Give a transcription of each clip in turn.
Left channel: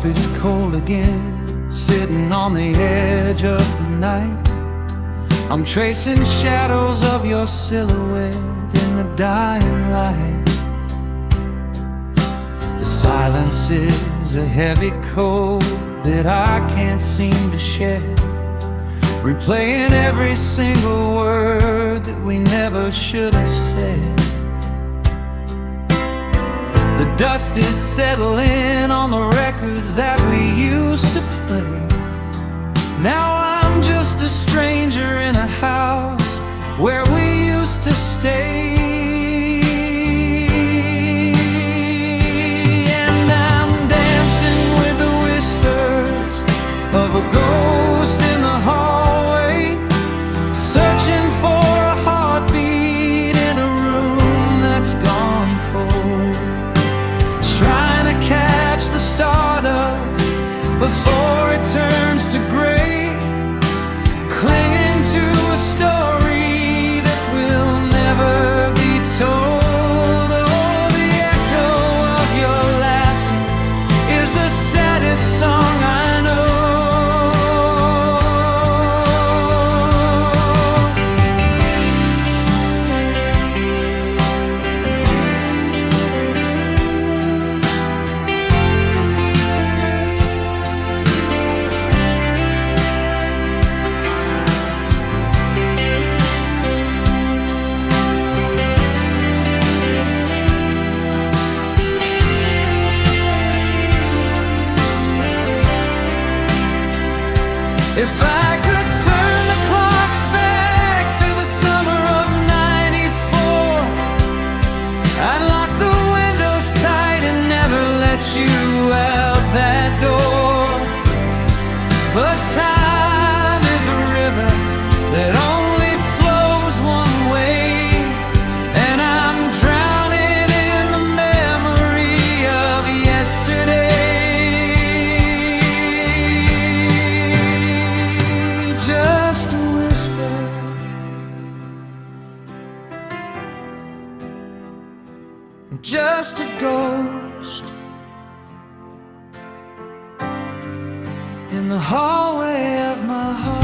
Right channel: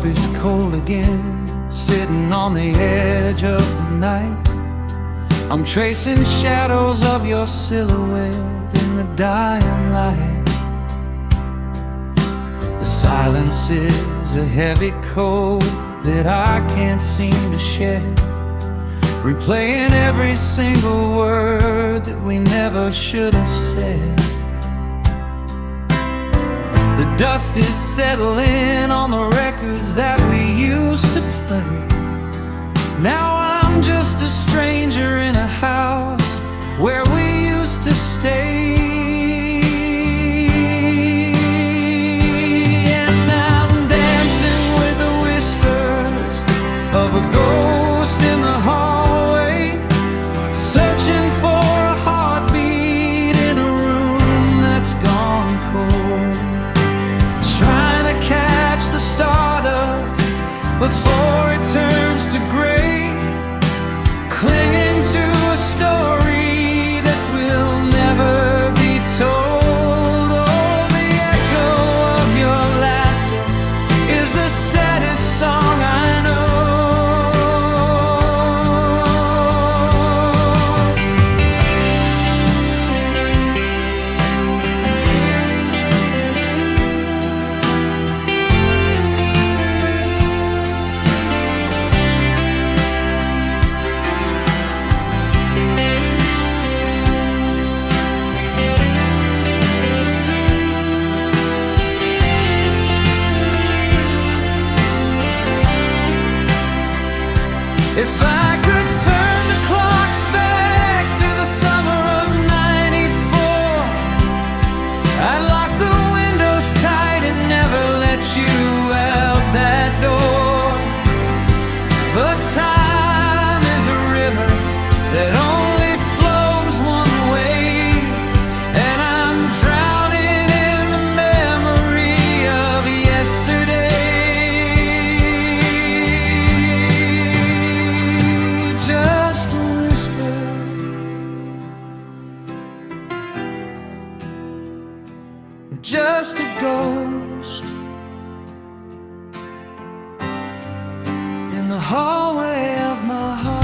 coffee's cold again, sitting on the edge of the night. I'm tracing shadows of your silhouette in the dying light. The silence is a heavy coat that I can't seem to shed, replaying every single word that we never should have said. The dust is settling on the records that we used to play. Now I'm just a stranger in a house where we used to stay. And I'm dancing with the whispers of a ghost in the hallway, searching for a heartbeat in a room that's gone cold, trying to catch the stardust before it turns to gray, clinging to a story that will never be told. Oh, the echo of your laughter is the saddest song I know. If I could turn the clocks back to the summer of '94, I'd lock the windows tight and never let you out that door. But time is a river that only flows one way, and I'm drowning in the memory of yesterday. Just a whisper, just a ghost in the hallway of my heart.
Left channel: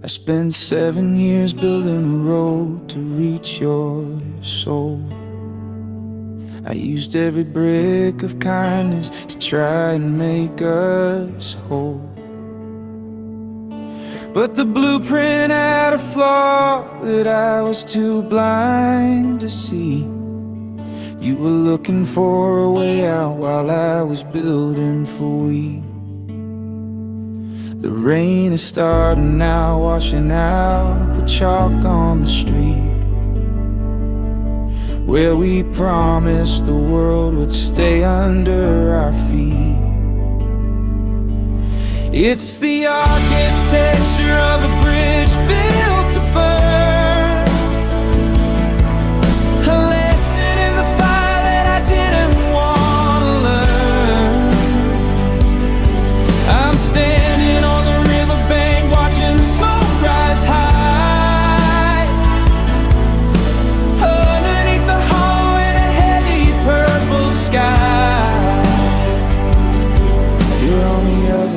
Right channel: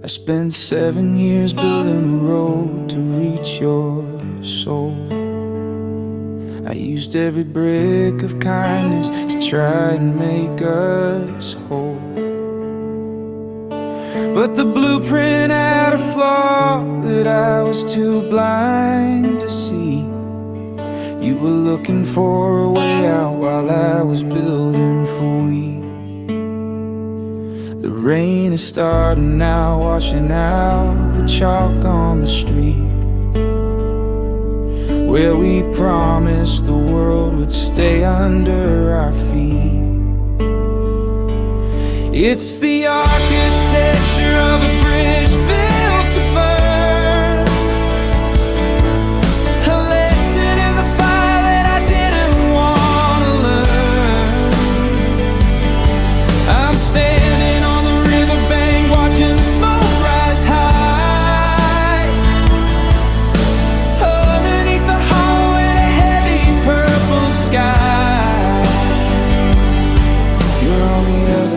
I spent 7 years building a road to reach your soul. I used every brick of kindness to try and make us whole. But the blueprint had a flaw that I was too blind to see. You were looking for a way out while I was building for we. The rain is starting now, washing out the chalk on the street where we promised the world would stay under our feet. It's the architecture of a bridge built to burn, a lesson in the fire that I didn't want to learn.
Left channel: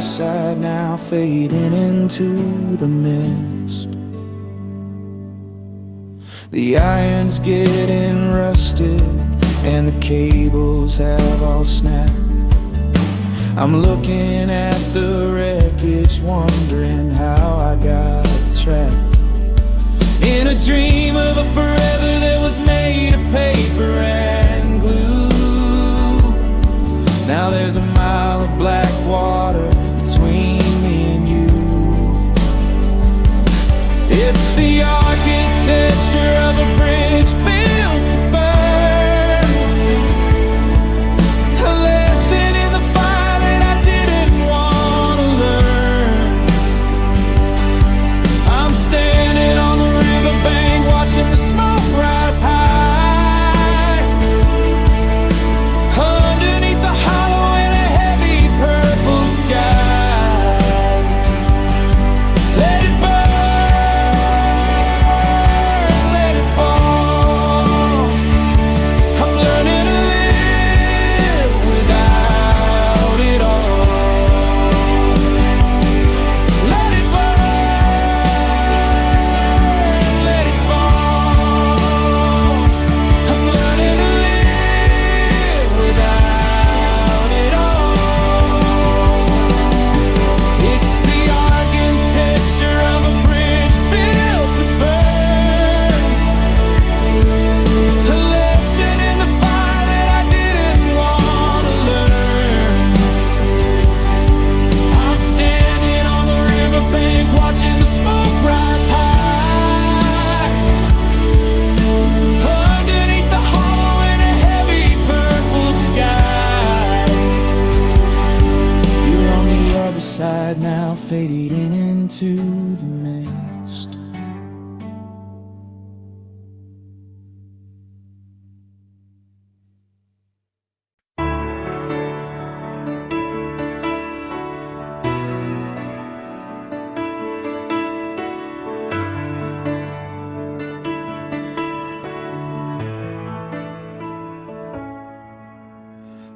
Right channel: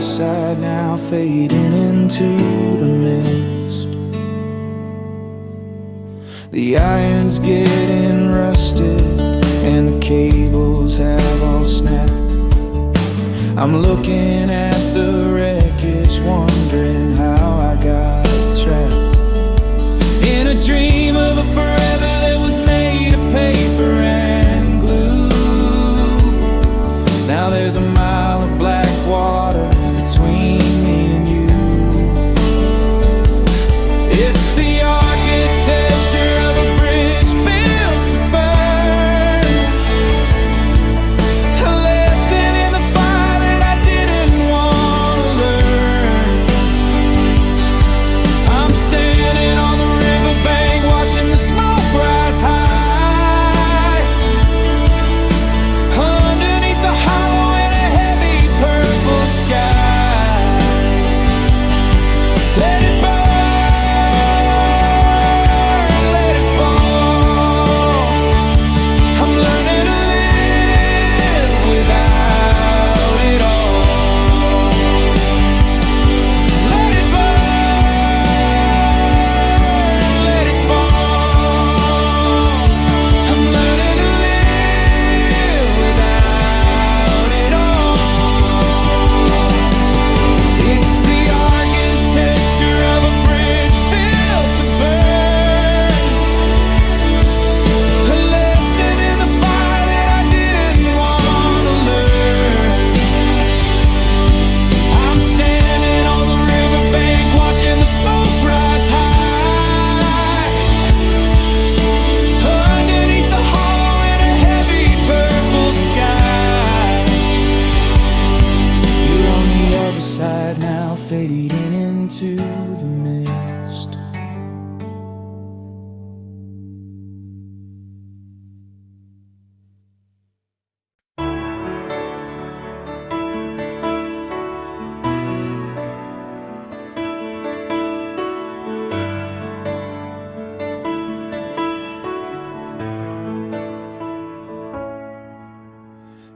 other side now, fading into the mist. The iron's getting rusted and the cables have all snapped. I'm looking at the wreckage, wondering how I got trapped in a dream of a forever that was made of paper and glue. Now there's a mile of black water between me and you. It's the architecture of a bridge built to burn, a lesson in the fire that I didn't want to learn. I'm standing on the riverbank watching the smoke rise high, underneath the hollow in a heavy purple sky. Let it burn. Side now, fading into the mist.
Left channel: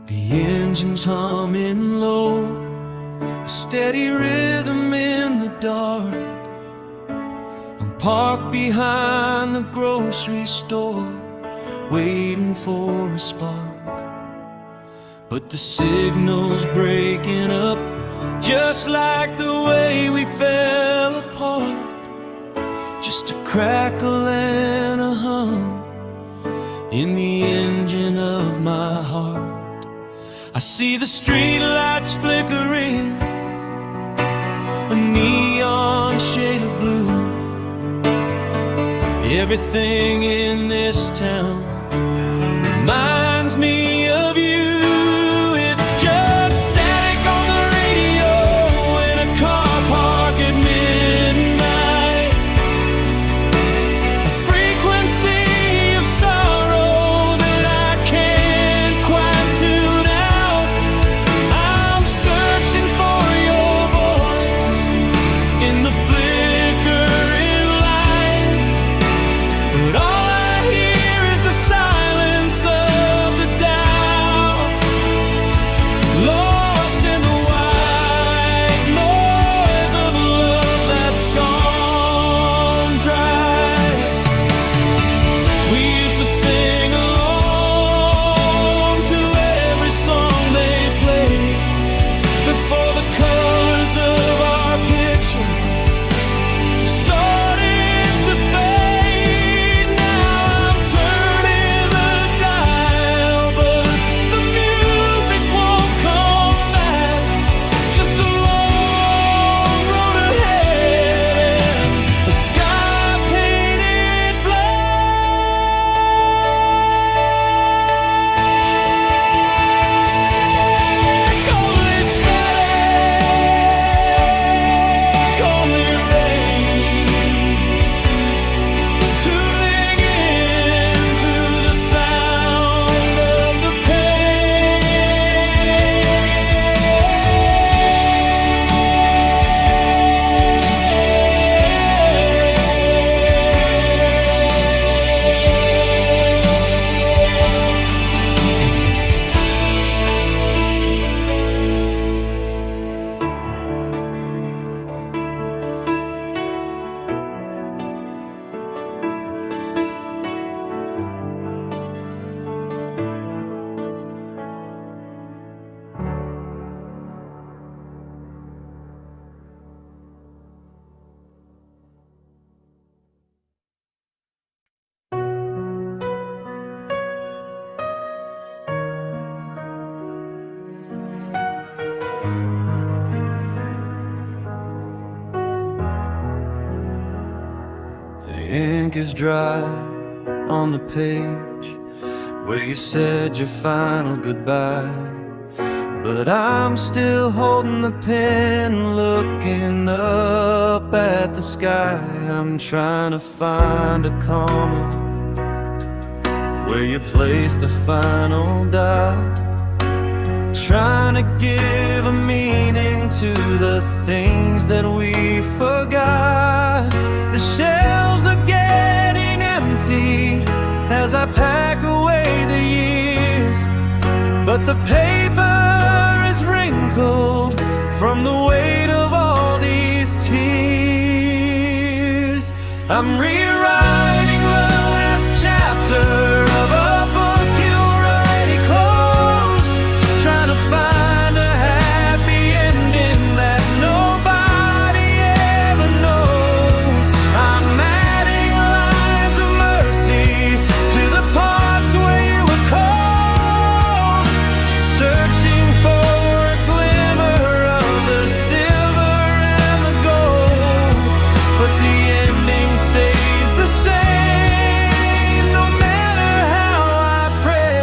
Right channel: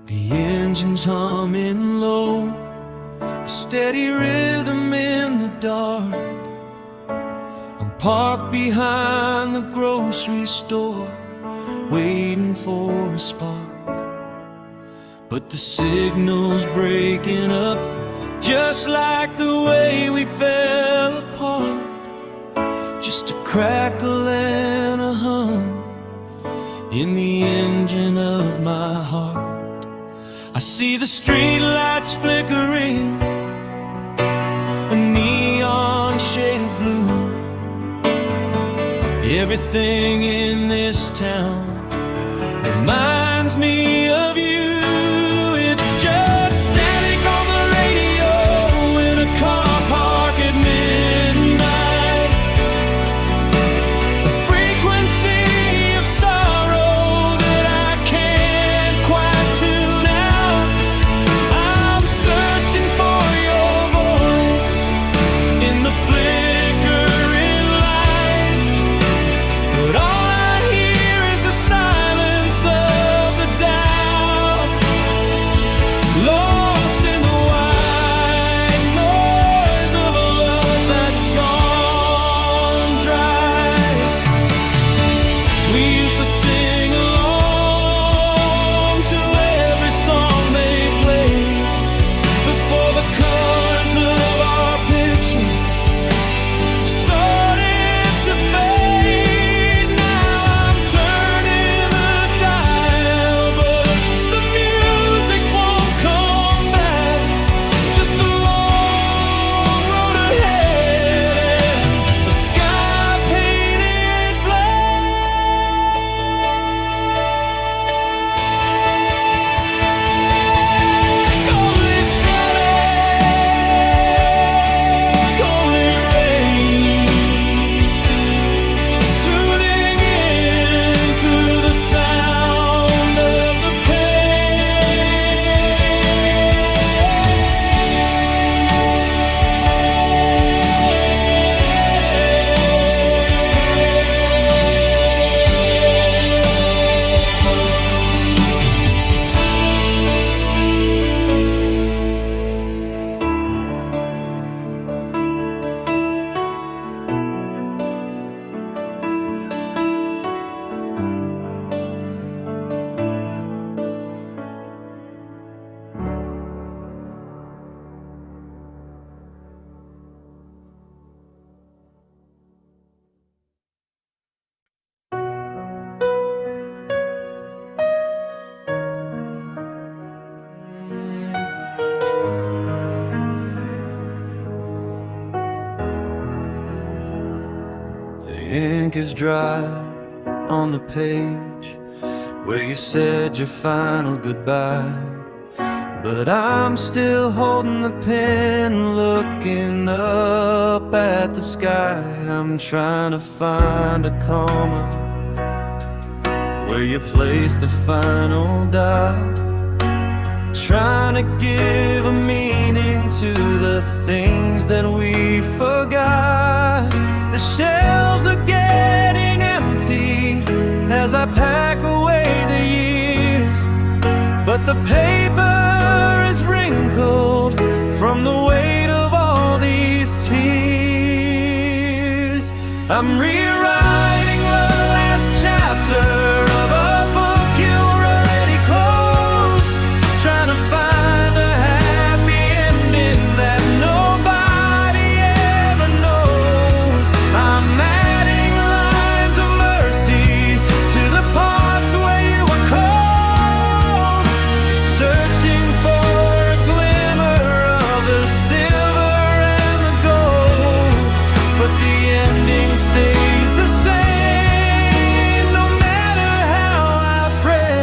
The engine's humming low, a steady rhythm in the dark. I'm parked behind the grocery store, waiting for a spark. But the signal's breaking up, just like the way we fell apart. Just a crackle and a hum in the engine of my heart. I see the street lights flickering, a neon shade of blue. Everything in this town reminds me of you. It's just static on the radio in a car park at midnight, a frequency of sorrow that I can't quite tune out. I'm searching for your voice in the flickering light, but all I hear is the silence of the doubt. ink is dry on the page where you said your final goodbye. But I'm still holding the pen, looking up at the sky. I'm trying to find a comma where you placed the final dot, trying to give a meaning to the things that we forgot. The shelves are getting empty as I pack away the years, but the paper is wrinkled from the weight of all these tears. I'm rewriting the last chapter of a book you already closed, trying to find a happy ending that nobody ever knows. I'm adding lines of mercy to the parts where you were cold, searching for a glimmer of the silver and the gold, but the ending stays the same no matter how I pray.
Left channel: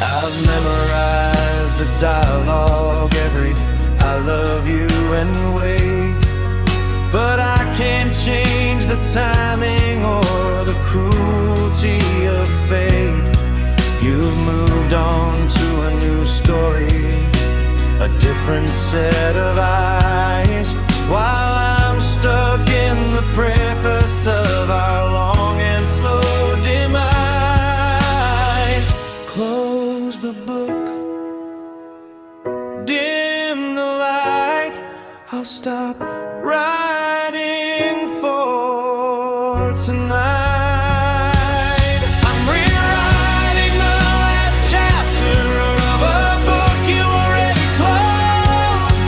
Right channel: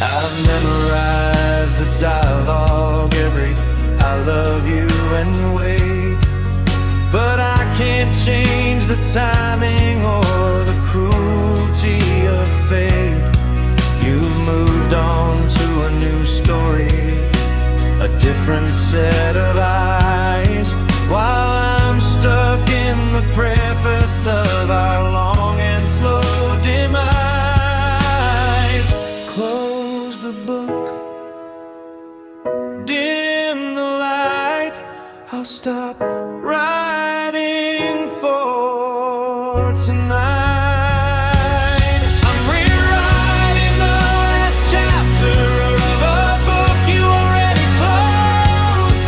I've memorized the dialogue, every I love you and wait, but I can't change the timing or the cruelty of fate. You've moved on to a new story, a different set of eyes, while I'm stuck in the preface of our long and slow demise. Close the book, dim the light, I'll stop writing for tonight. I'm rewriting the last chapter of a book you already closed,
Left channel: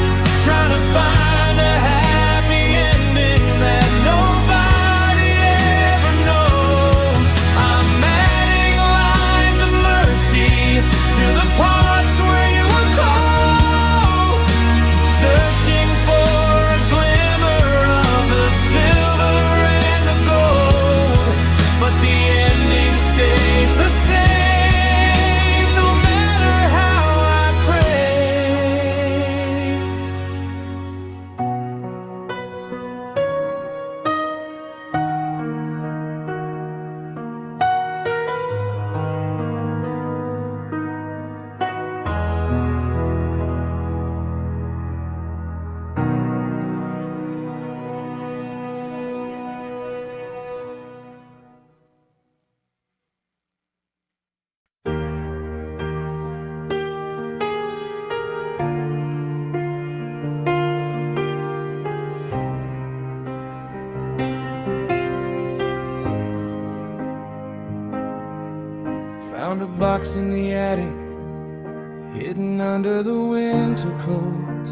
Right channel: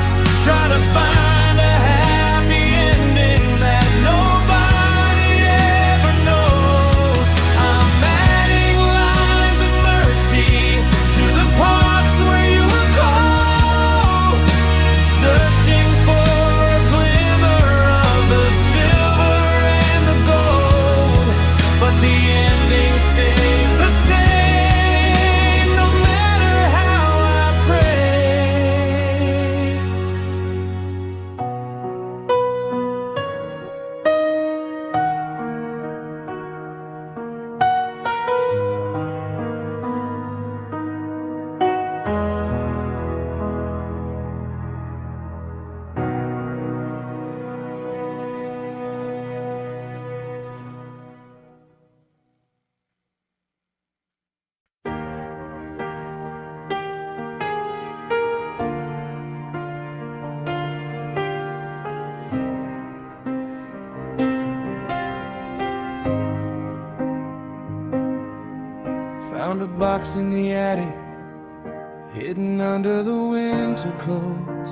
trying to find a happy ending that nobody ever knows. I'm adding lines of mercy to the parts where you were cold, searching for a glimmer of the silver and the gold, but the ending stays the same no matter how I pray. Found a box in the attic, hidden under the winter coats,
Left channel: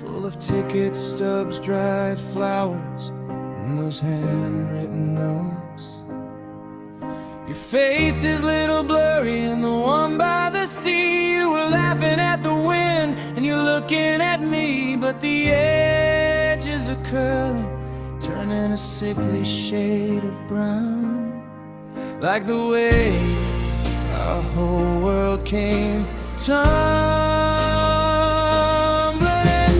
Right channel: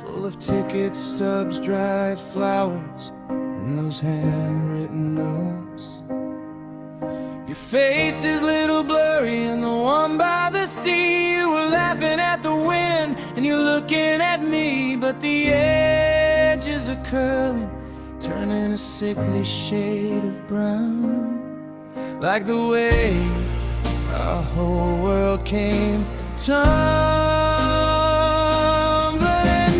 full of tickets, stubs, dried flowers, and those handwritten notes. Your face is a little blurry in the one by the sea. You were laughing at the wind and you're looking at me, but the edges are curling, turning a sickly shade of brown, like the way our whole world came tumbling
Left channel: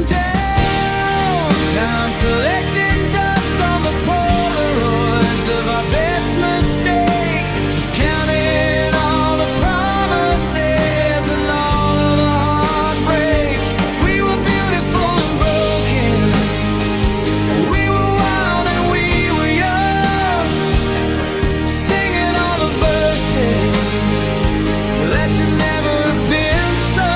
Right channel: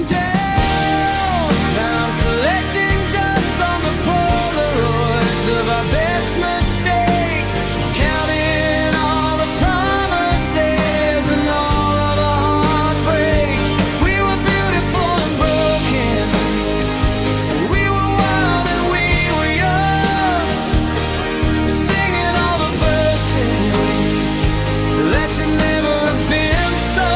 down. Now I'm collecting dust on the Polaroids of our best mistakes, counting all the promises and all of the heartbreaks. We were beautiful and broken, we were wild and we were young, singing all the verses that should never have been sung.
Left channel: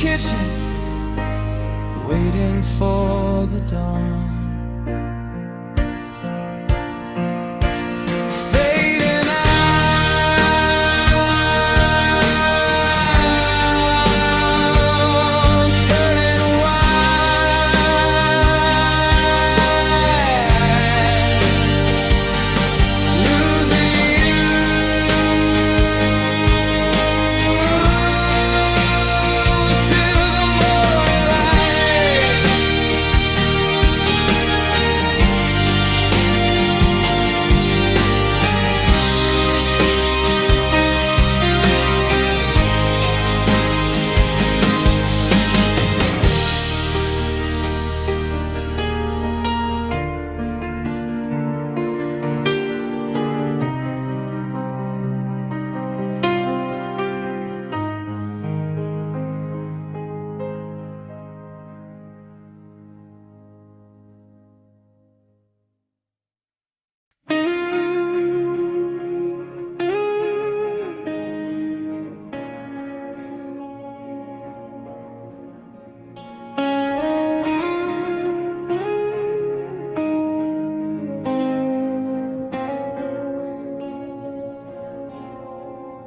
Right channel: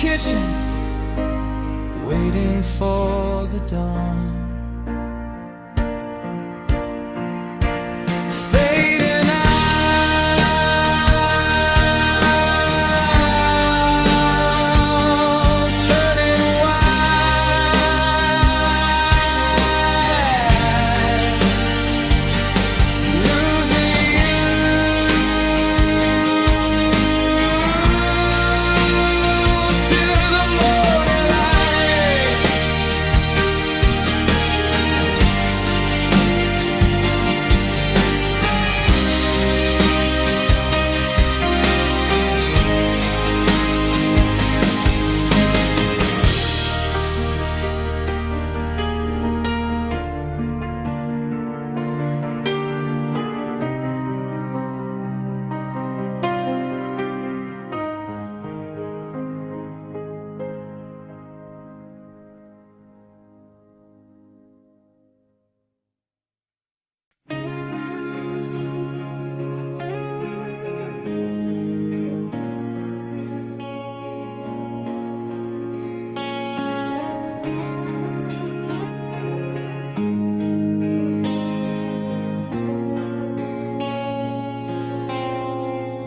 kitchen, waiting for the dawn. Fading out, turning white, losing you to the morning light.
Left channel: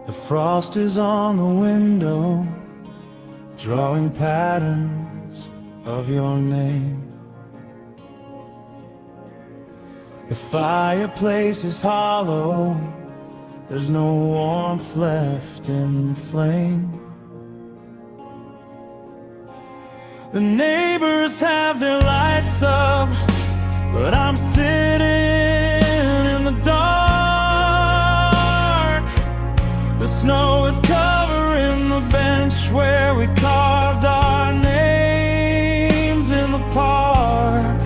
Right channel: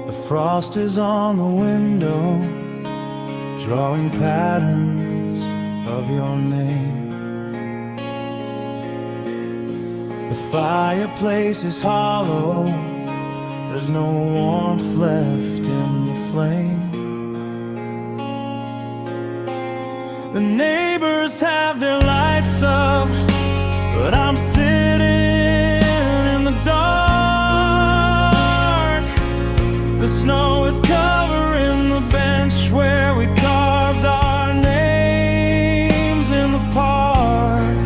The frost is on the window, drawing patterns of your name. The fireplace is hollow, there's no warmth left in the flame. The neighbors have their lights up, but I'm sitting in the dark. The snow is covering the bench where we carved our names in the park.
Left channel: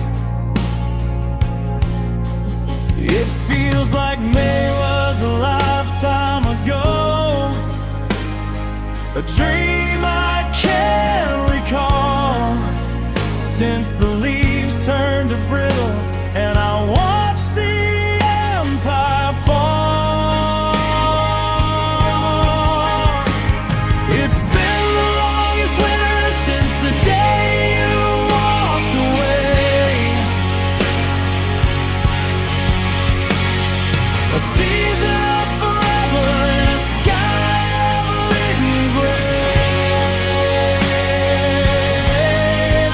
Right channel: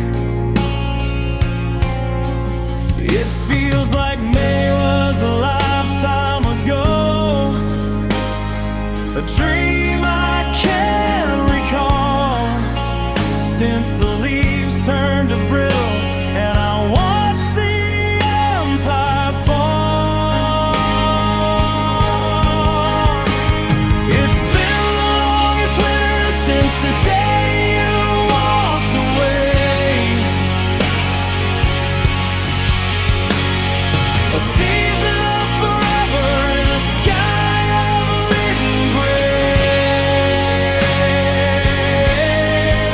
It feels like May was a lifetime ago, a dream I can't recall, since the leaves turned to brittle and I watched the empire fall. It's been the longest winter since the day you walked away, a season of forever in a sky of leaden gray.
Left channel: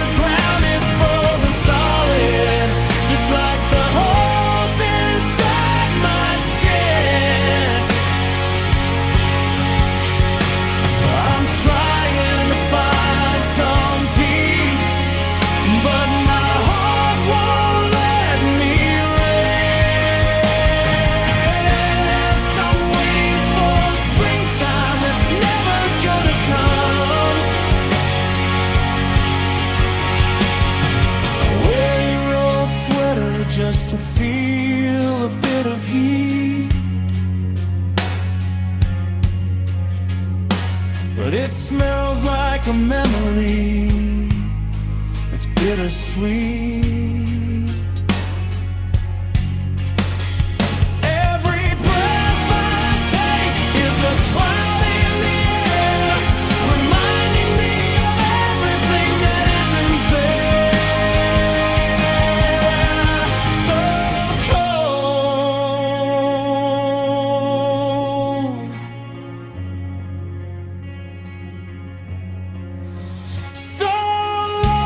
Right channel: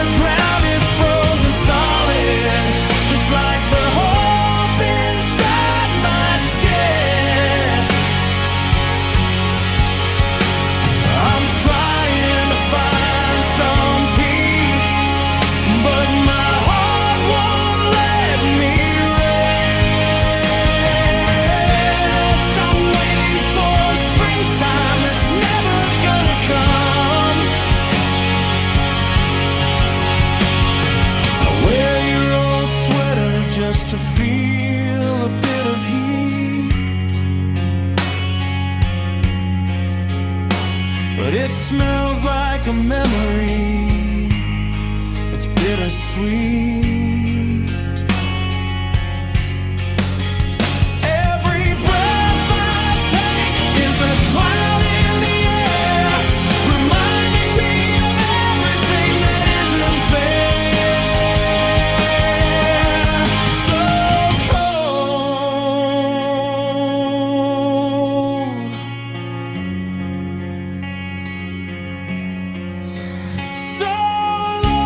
The ground is frozen solid, just like the hope inside my chest. I'm trying to find some peace, but my heart won't let me rest. I'm waiting for springtime that's never gonna come. I wear your old sweater just to feel a bit of heat, but it smells like a memory. It's bittersweet. Every breath I take is a cloud in the air, reminding me of everything that isn't there. So cold, so long.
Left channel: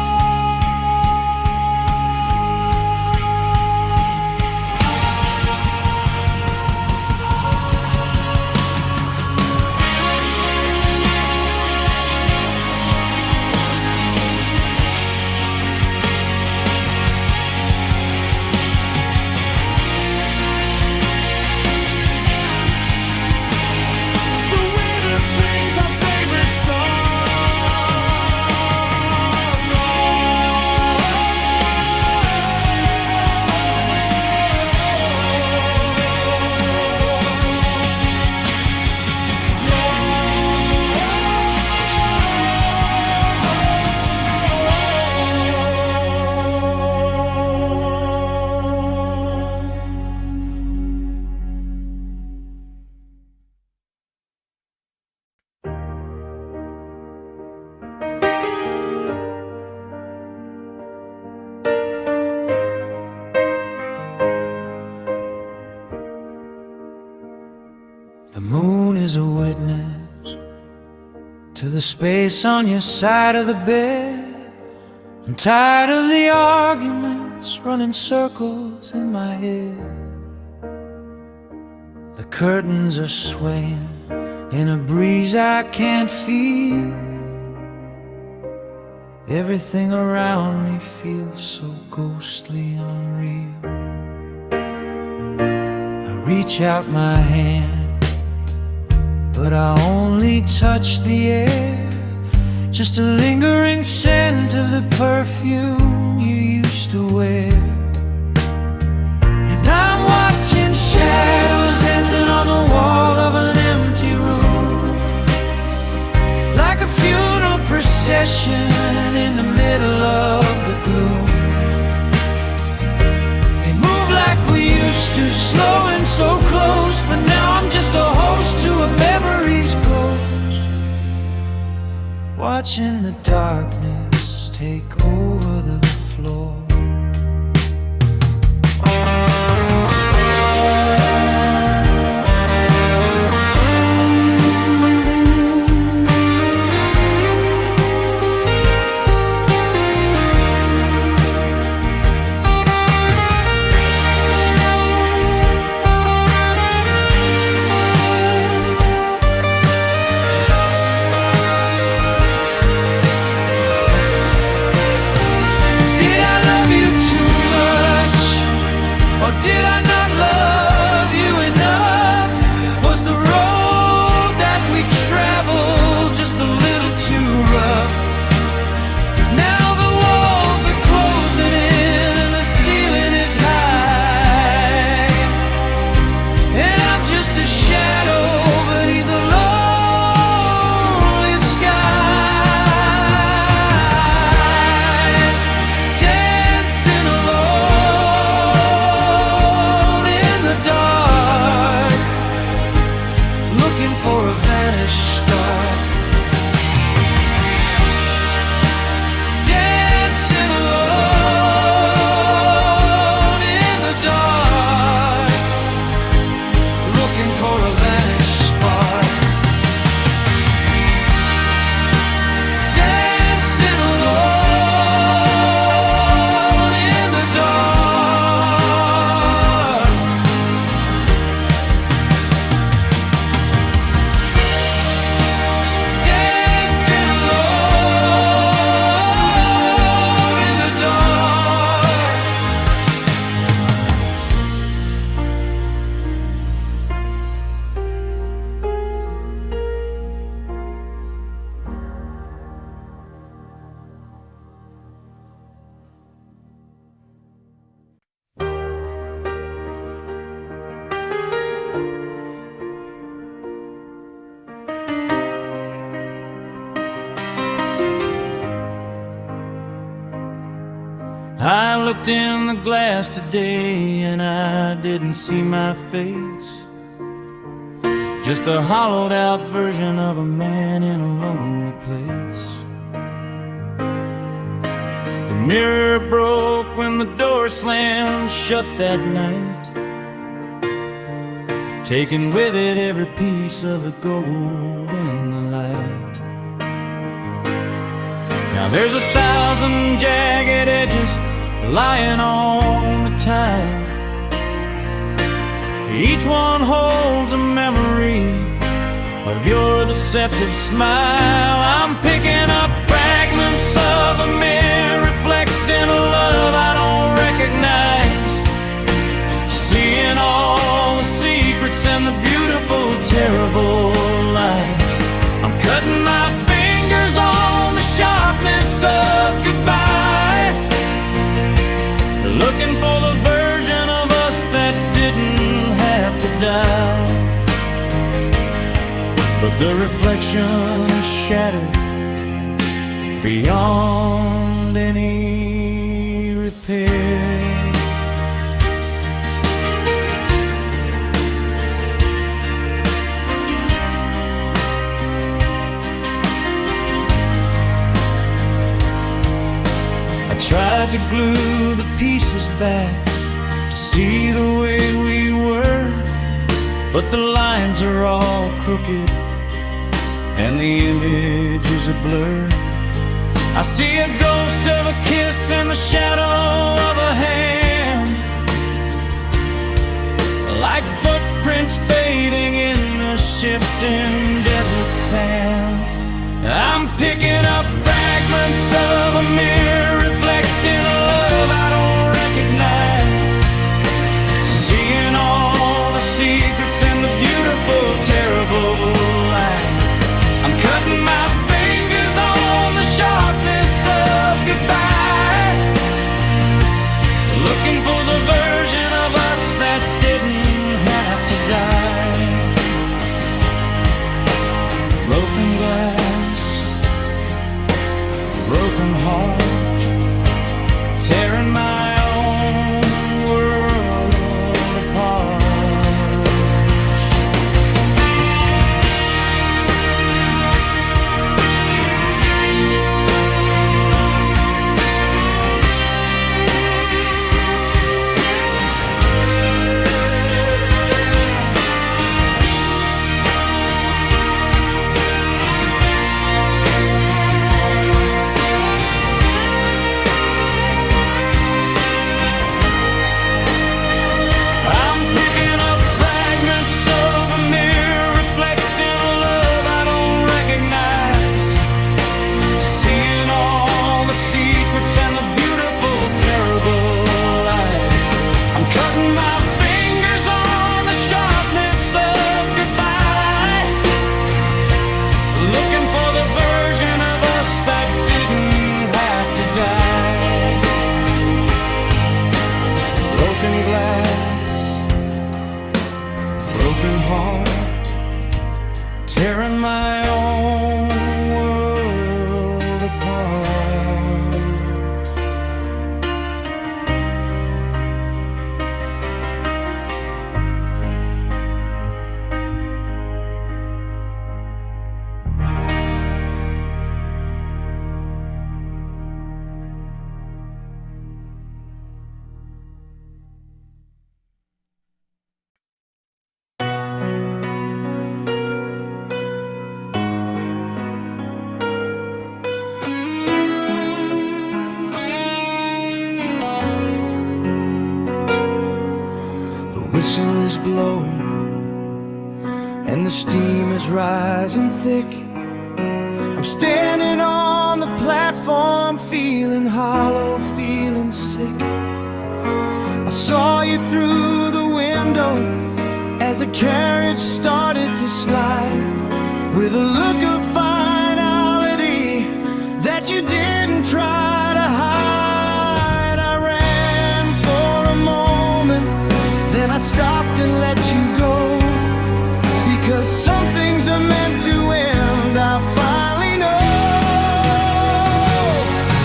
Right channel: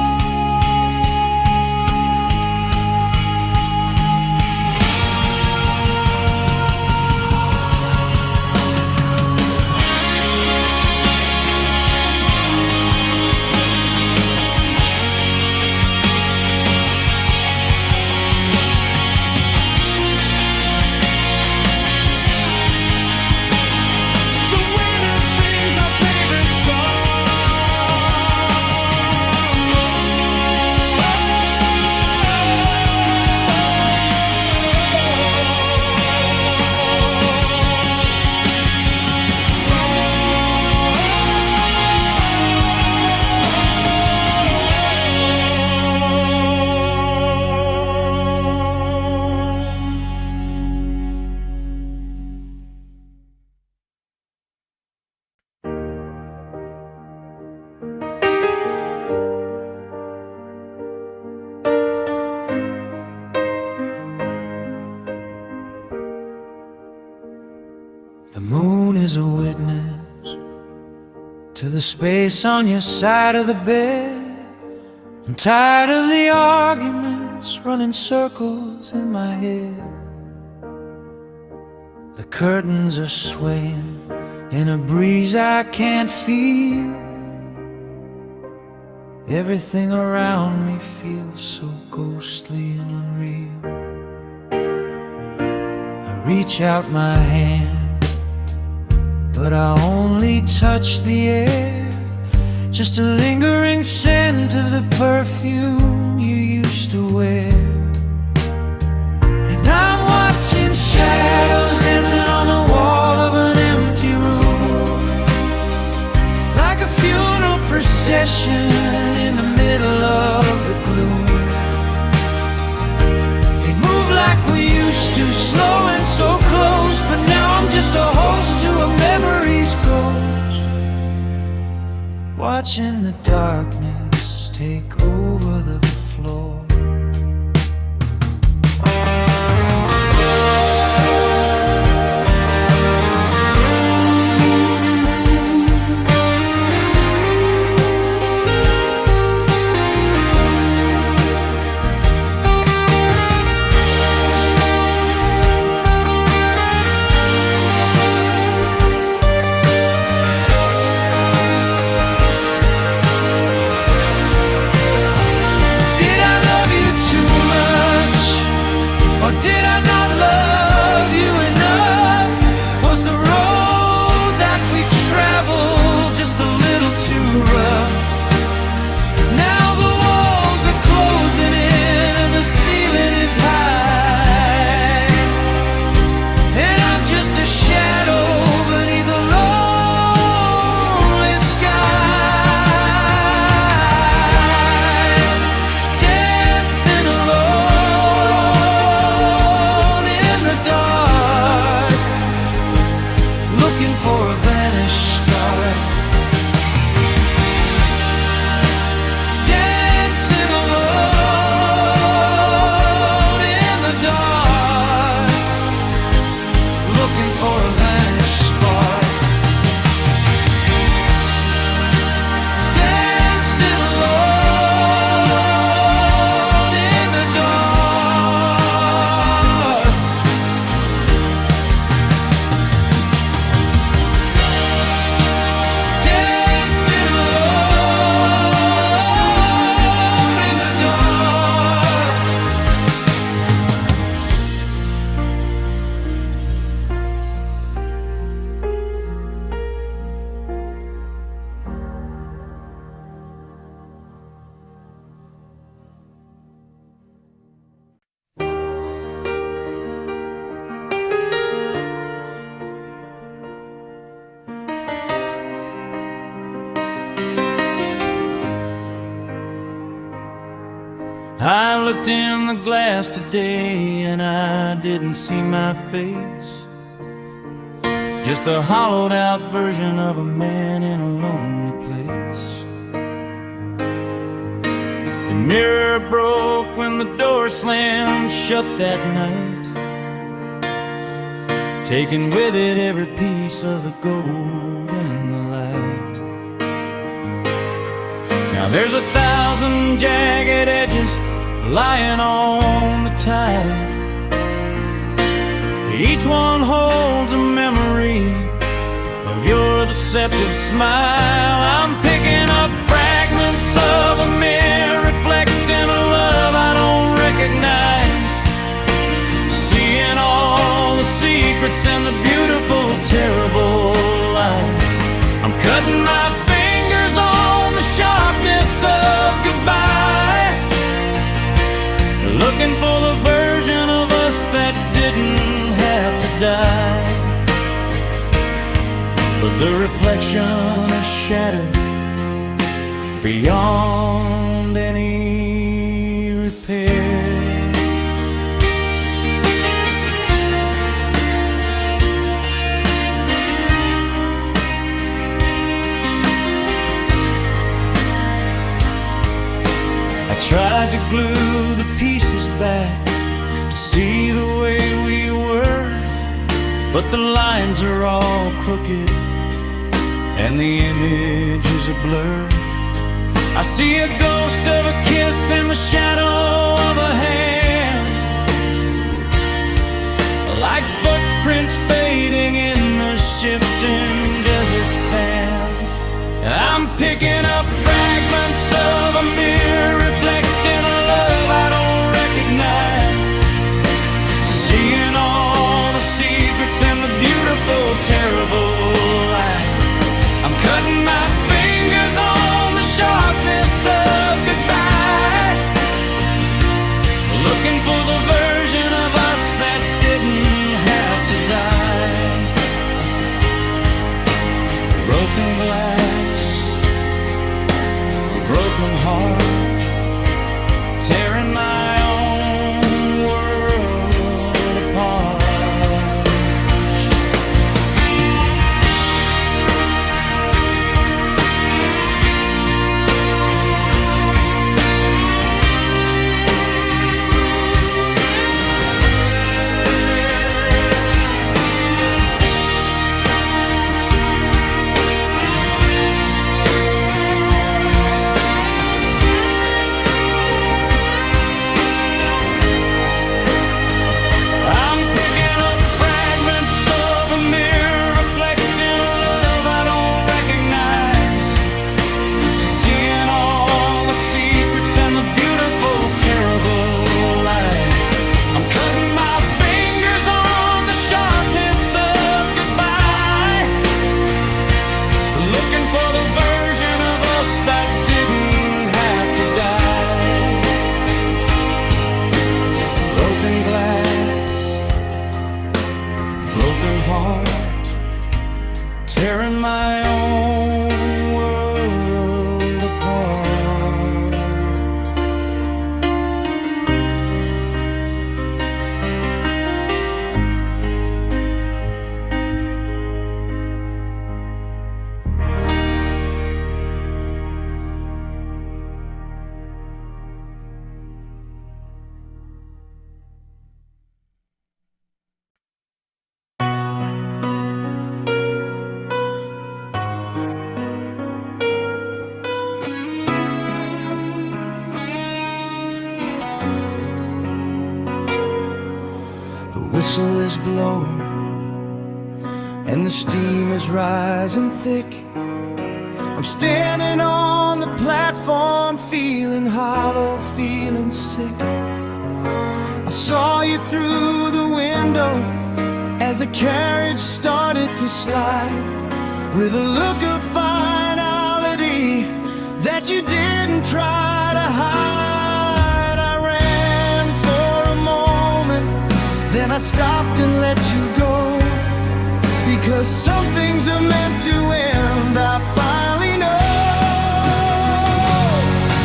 is a witness to the space on your side of the bed. I'm tired of the arguments running circles in my head. The curtains are swaying in a breeze I can't feel. Everything around me feels so ghostly and unreal. I reach out my hand, but I only touch the air. Just a lingering scent of the perfume you used to wear. And I'm watching shadows dancing on the wall of an empty room, like a funeral procession in the middle of the gloom. They move like we used to, slow and so close, but now I'm just a host to a memory's ghost, watching the darkness take over the floor. Or did I not love you enough? Was the road that we traveled just a little too rough? Now the walls are closing in and the ceiling is high, and I'm just a shadow beneath the lonely sky. Looking for a vanished star, dancing alone in the dark, looking for a vanished spark, dancing alone in the dark. I looked in the glass today and I didn't see my face, just a hollowed out version of a man in a lonely place. The mirror broke when the door slammed shut that night, taking with it every piece of the gold and the light. Now there's 1,000 jagged edges lying on the tide. Each one holds a memory of your deceptive smile. I'm picking up fragments of a mirror reflecting a love I don't recognize, seeing all the secrets and the beautiful, terrible lies. I'm cutting my fingers on the sharpness of goodbye, looking for the version of us that didn't have to die. But the reflection is shattered beyond any repair. I tried to glue the pieces back to see the way we were, but the lines are all crooked and the image is a blur. I see a ghost of a kiss in the shadow of a hand, like footprints fading in the shifting desert sand. I'm picking up fragments of a mirror reflecting a love I don't recognize, seeing all the secrets and the beautiful, terrible lies. I'm cutting my fingers on the sharpness of goodbye, looking for the version of us that didn't have to die. Broken glass, broken heart, tearing my own world apart. And the beautiful, terrible lies. I'm cutting my fingers on the sharpness of goodbye, looking for the version of us that didn't have to die. Broken glass, broken heart, tearing my own world apart. The whistle is blowing and the steam is rising thick. I'm standing on the platform, feeling hollow, feeling sick. I saw you through the window as the carriage started to slide, with a look of finality that you didn't try to hide. I ran for a moment, then I stopped and let you go, because some things are meant to end, I finally know.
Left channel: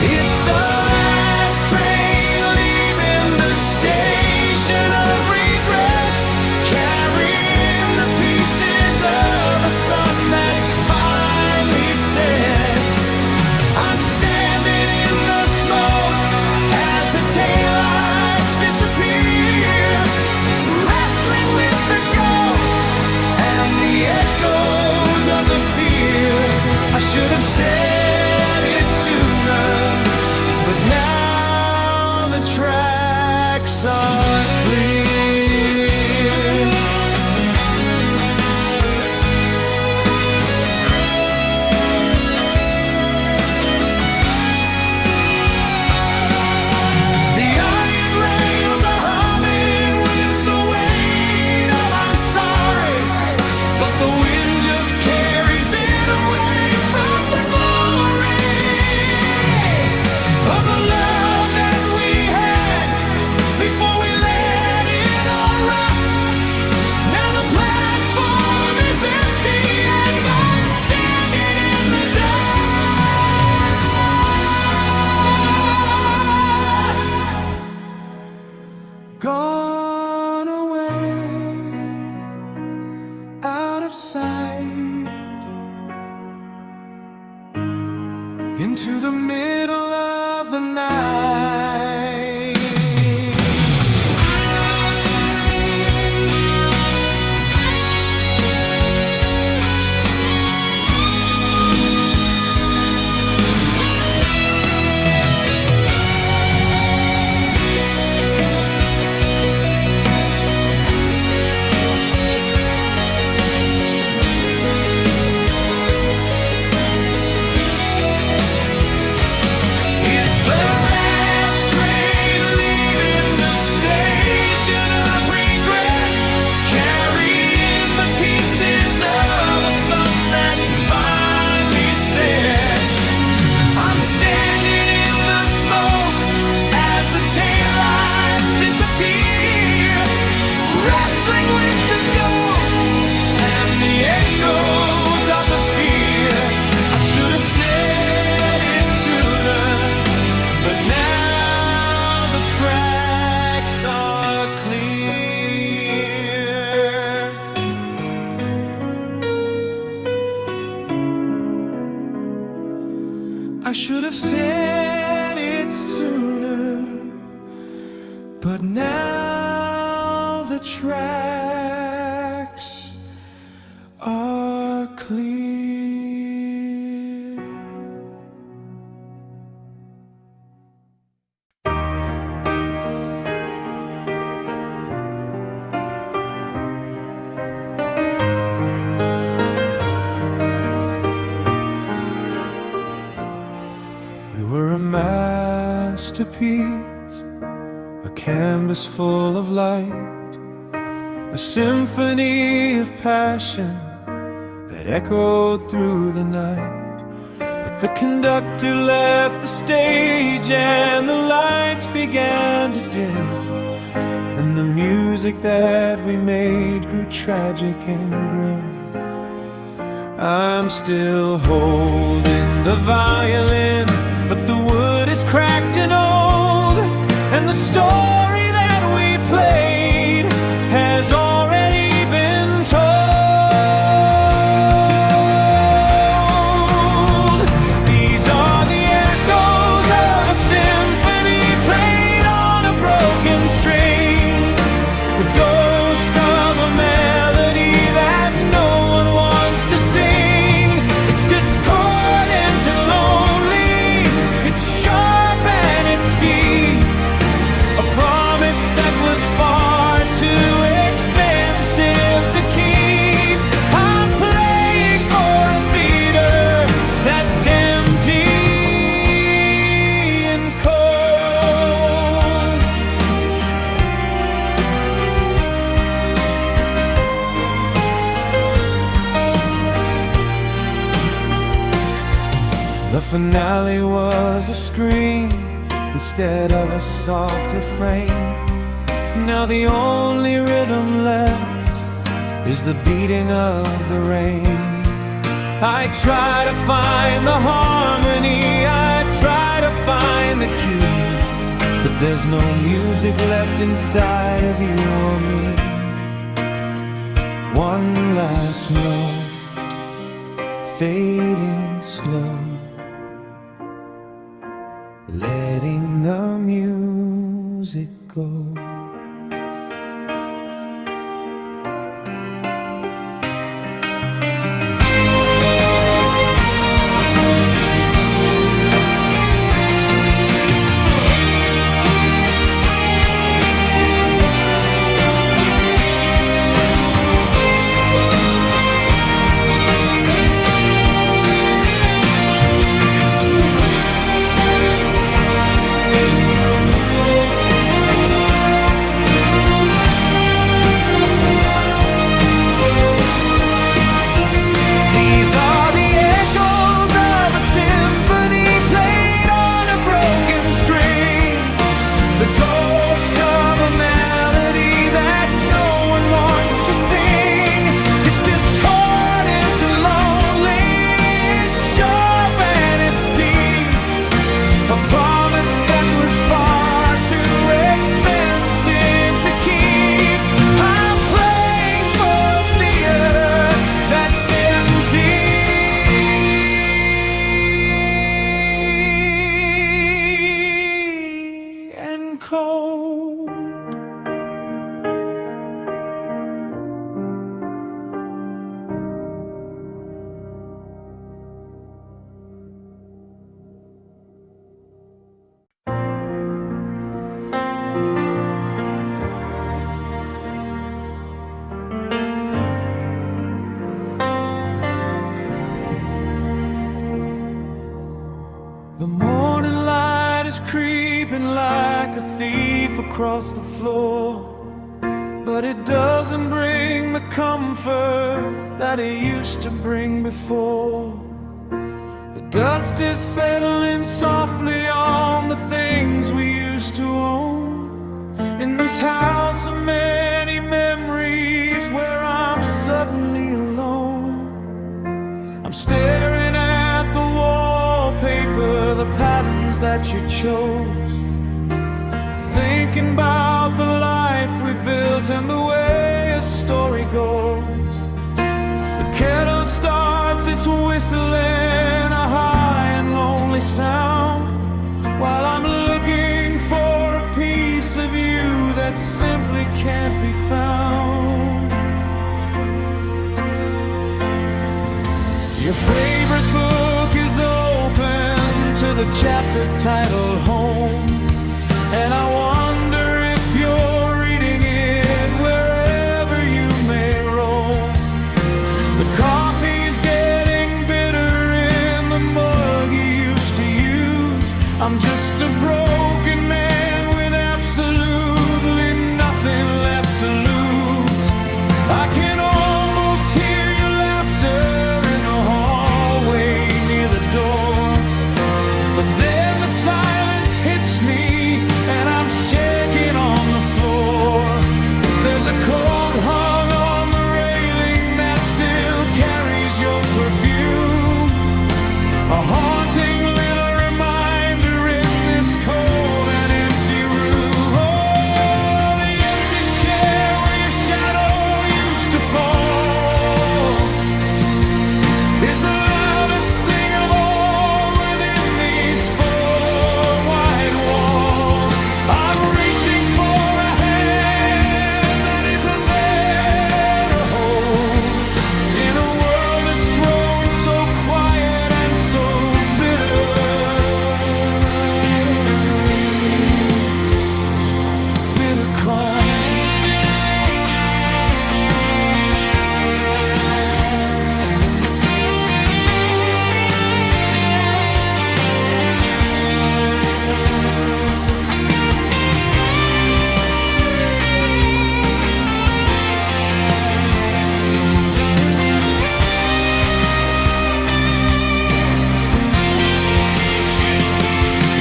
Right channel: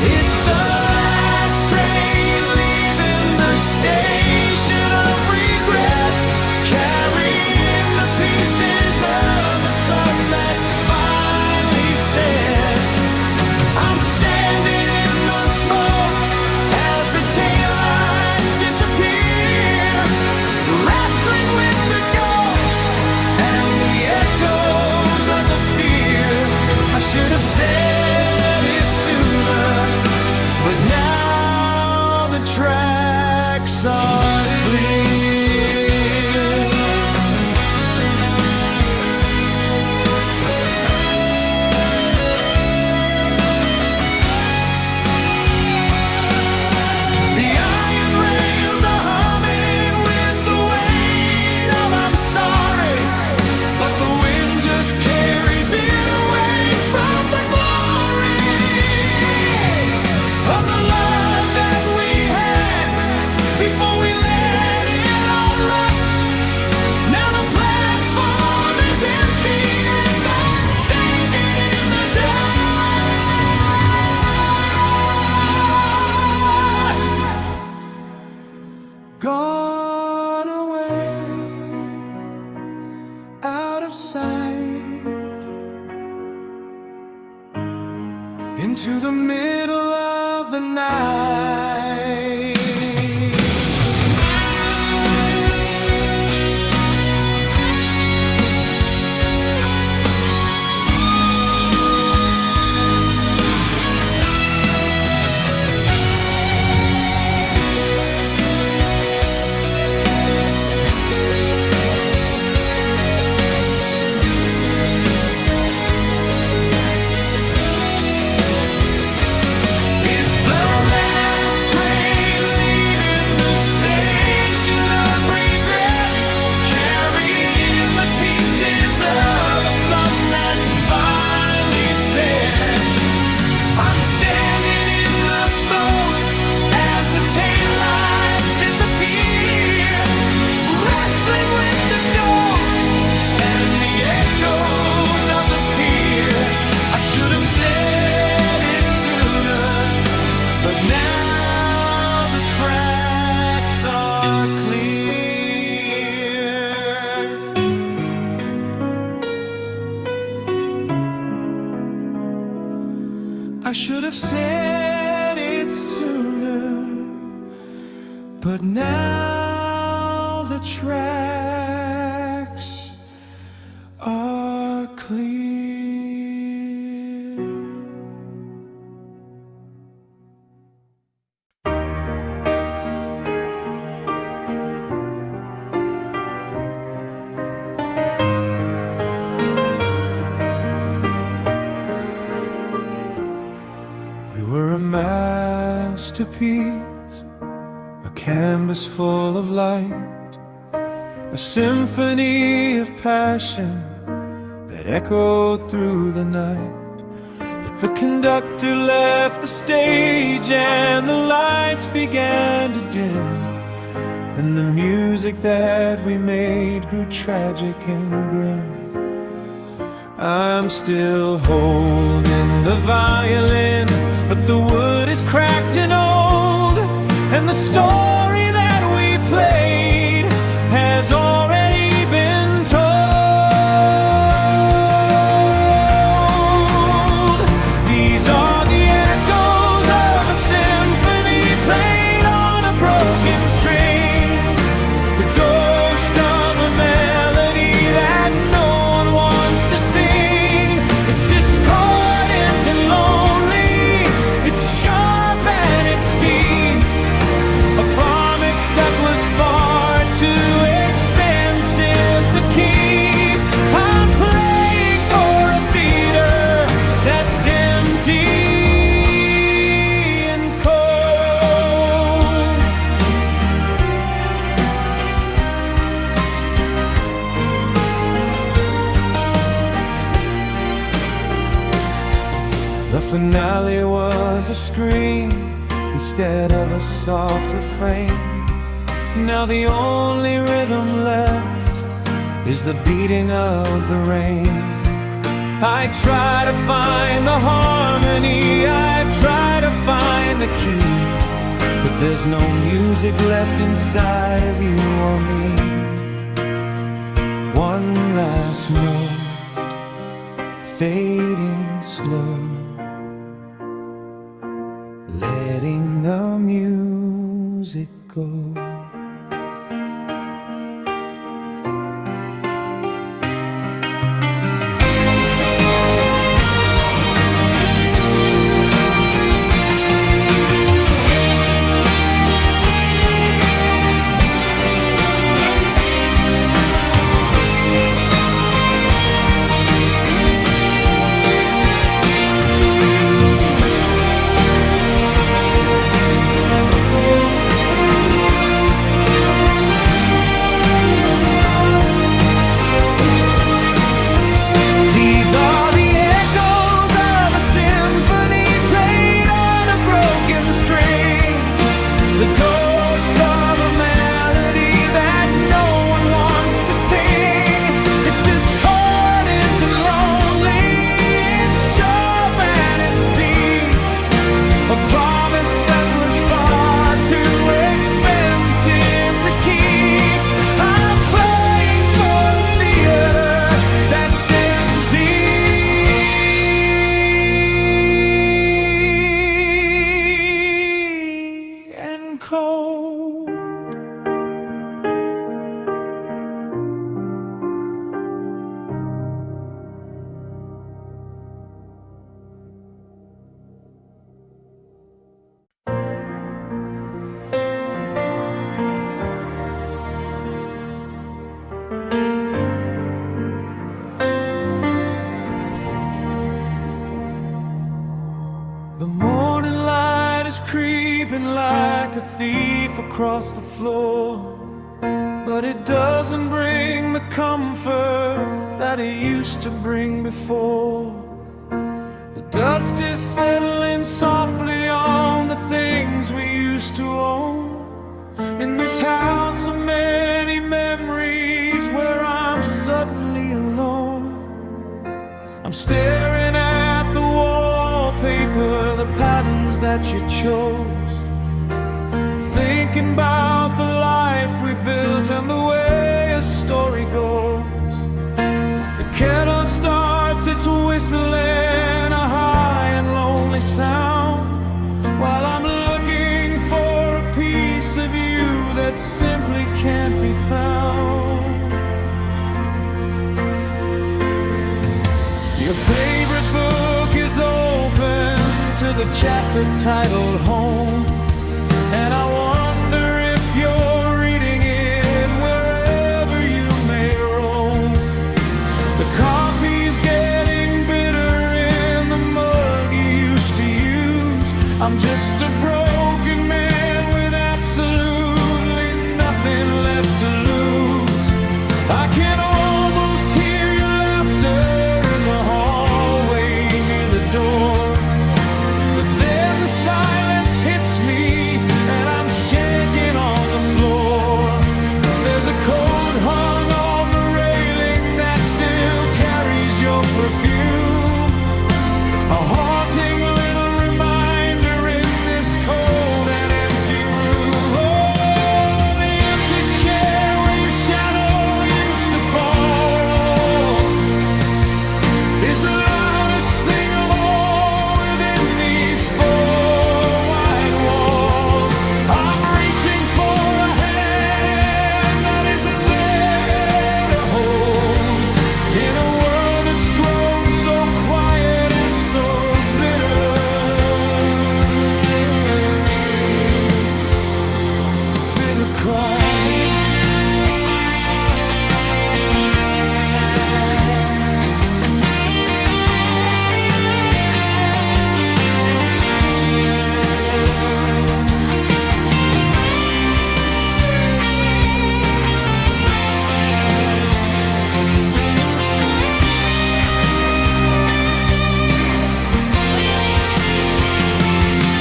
It's the last train leaving the station of regret, carrying the pieces of a sun that's finally set. I'm standing in the smoke as the taillights disappear, wrestling with the ghosts and the echoes of the fear. I should have said it sooner, but now the tracks are clear. The iron rails are humming with the weight of I'm sorry, but the wind just carries it away from the glory of the love that we had before we let it all rust. Now the platform is empty and I'm standing in the dust. Gone away, out of sight, into the middle of the night. said. I'm standing in the smoke as the taillights disappear, wrestling with the ghosts and the echoes of the fear. I should have said it sooner, but now the tracks are clear. I should have said it sooner, but now the tracks are clear. We were a masterpiece, a canvas full of light, a symphony of passion that echoed through the night. But the conductor left the stage and the lights began to dim, and the music that we made grew tragic and grim. I'm still holding the violin, but the wood is cracked and old, and the story that we played has already been told. These are the echoes of a symphony played on a broken string, the ghost of a melody that no one wants to sing. It's discordant and lonely, it's sharp and it's deep, a promise that was far too expensive to keep. I'm playing for a theater that's empty and cold. The finale was a scream instead of a soft refrain. Now the only rhythm left is the beating of the rain. I try to find the harmony, I try to find the key, but there's no music left inside of you or me. One last note, fading slow, letting the music go. The ghost of a melody that no one wants to sing. It's discordant and lonely, it's sharp and it's deep, a promise that was far too expensive to keep. I'm playing for a theater that's empty and cold. The morning light is creeping like a thief across the floor, but it doesn't bring the comfort that it used to bring before. Dust is settling softly on the things we used to own. In this house of many memories where I'm suddenly alone. I'm staring at the wallpaper, the patterns that you chose. Thinking about the life we built and the way a story goes. The kettle starts its whistling, a high and lonely sound, while I'm looking for a piece of you that simply can't be found. Your favorite book is open to the chapter titled Home, and I wonder if you're reading it wherever you may roam. The coffee's getting bitter in the mug you used to use. I'm just a broken man with absolutely nothing left to lose. I can almost hear your laughter in the hallway near the door, but then the silence hits me and I'm shaking on the floor. There's a coat hung on the railing that still carries your perfume, a haunting little reminder in this cold and empty room. Oh, the empty chair where your shadow used to fall is the loudest thing of all within these four white walls. I'm reaching for a hand that isn't there to hold, in a world that's grown so quiet and so bitter. Bitter cry.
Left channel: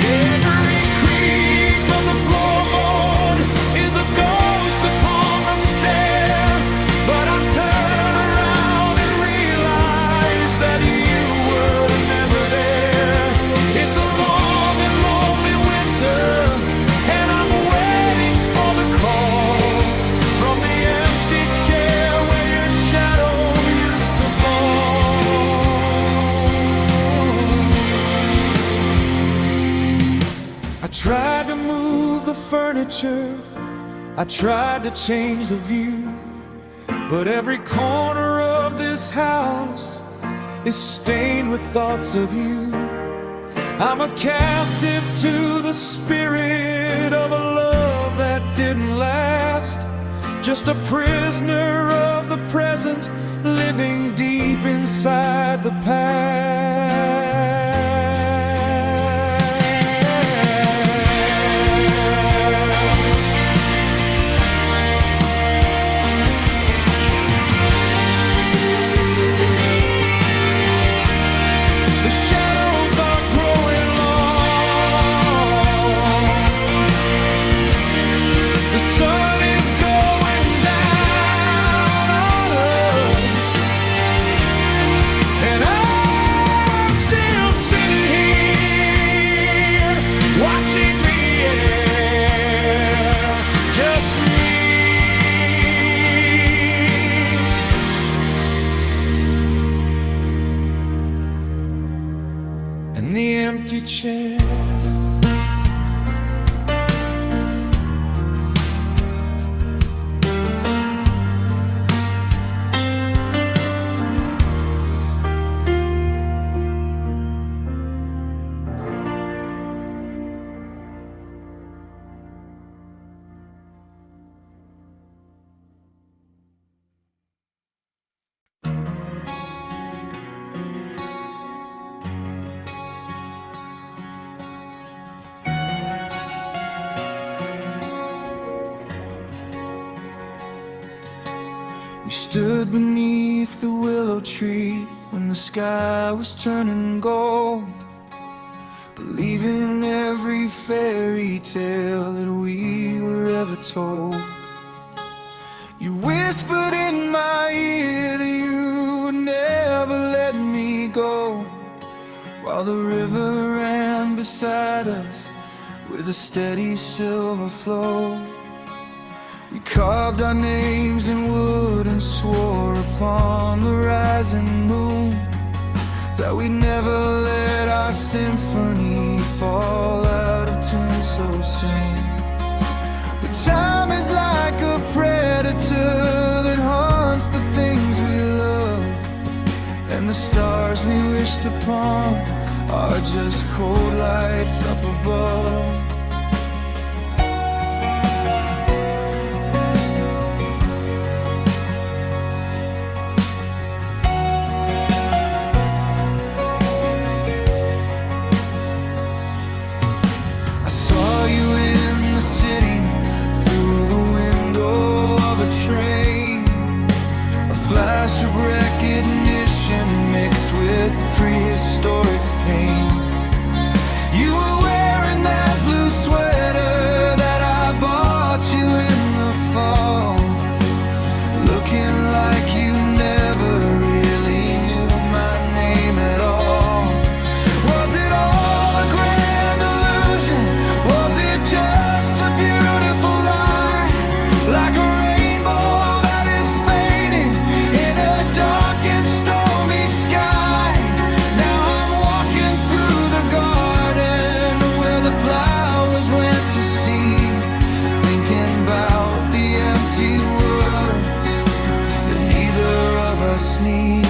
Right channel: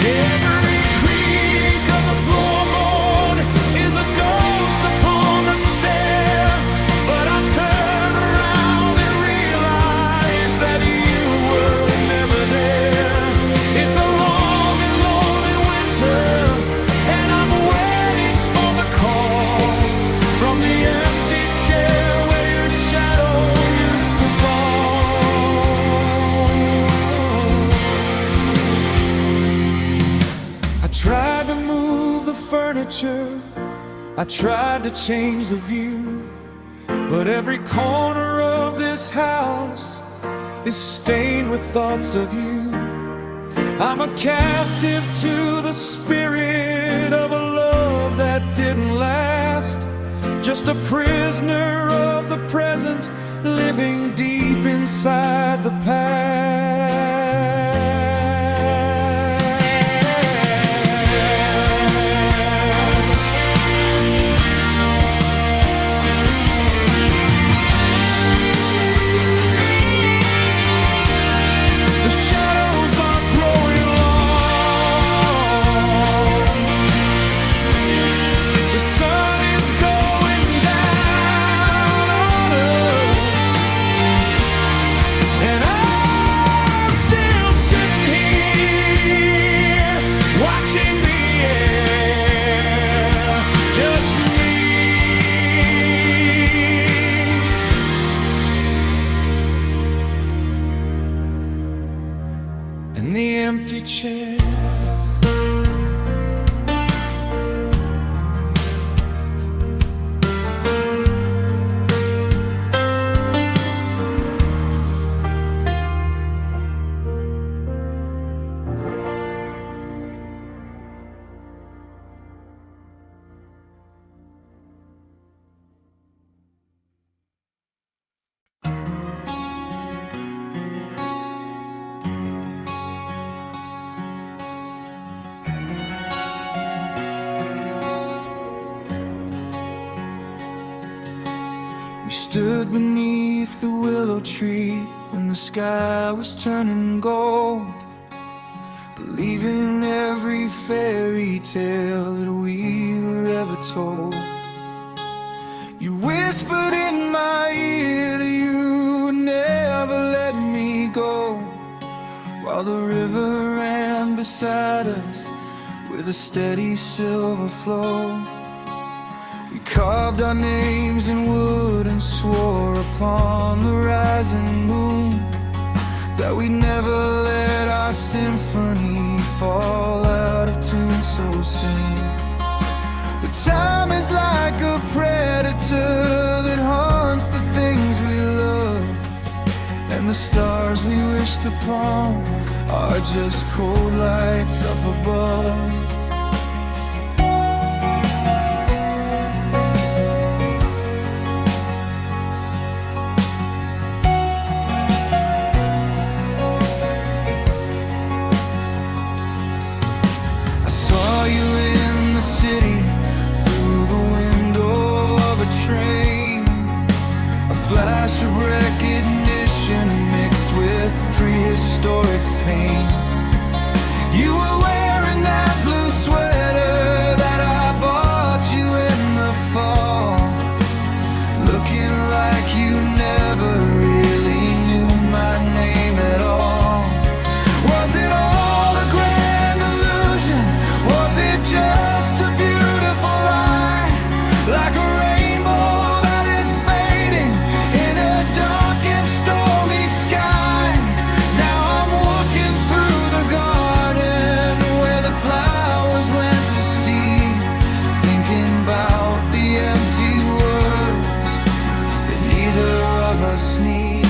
Every creak of the floorboard is a ghost upon the stair, but I turn around and realize that you were never there. It's a long and lonely winter, and I'm waiting for the call from the empty chair where your shadow used to fall. I tried to move the furniture, I tried to change the view, but every corner of this house is stained with thoughts of you. I'm a captive to the spirit of a love that didn't last, just a prisoner of the present, living deep inside the past. The shadows are growing long. The sun is going down on us, and I'm still sitting here watching the air, just me and the empty chair. We stood beneath the willow tree when the sky was turning gold, believing every fairy tale that we were ever told. You whispered in my ear that you would never let me go, while the river ran beside us with a steady silver flow. We carved our names in wood and swore upon the rising moon that we'd never let our symphony fall out of tune so soon. But time is like a predator that hunts the things we love, and the stars we wished upon are just cold lights up above. I saw you in the city through the window of a train, a flash of recognition mixed with prehistoric pain. You were wearing that blue sweater that I bought you in the fall, looking like you never really knew my name at all. Was it all a grand illusion? Was it just a beautiful lie? Like a rainbow that is fading in a dark and stormy sky. Now I'm walking through the garden where the flowers went to seed, thinking about the empty words that neither of us need.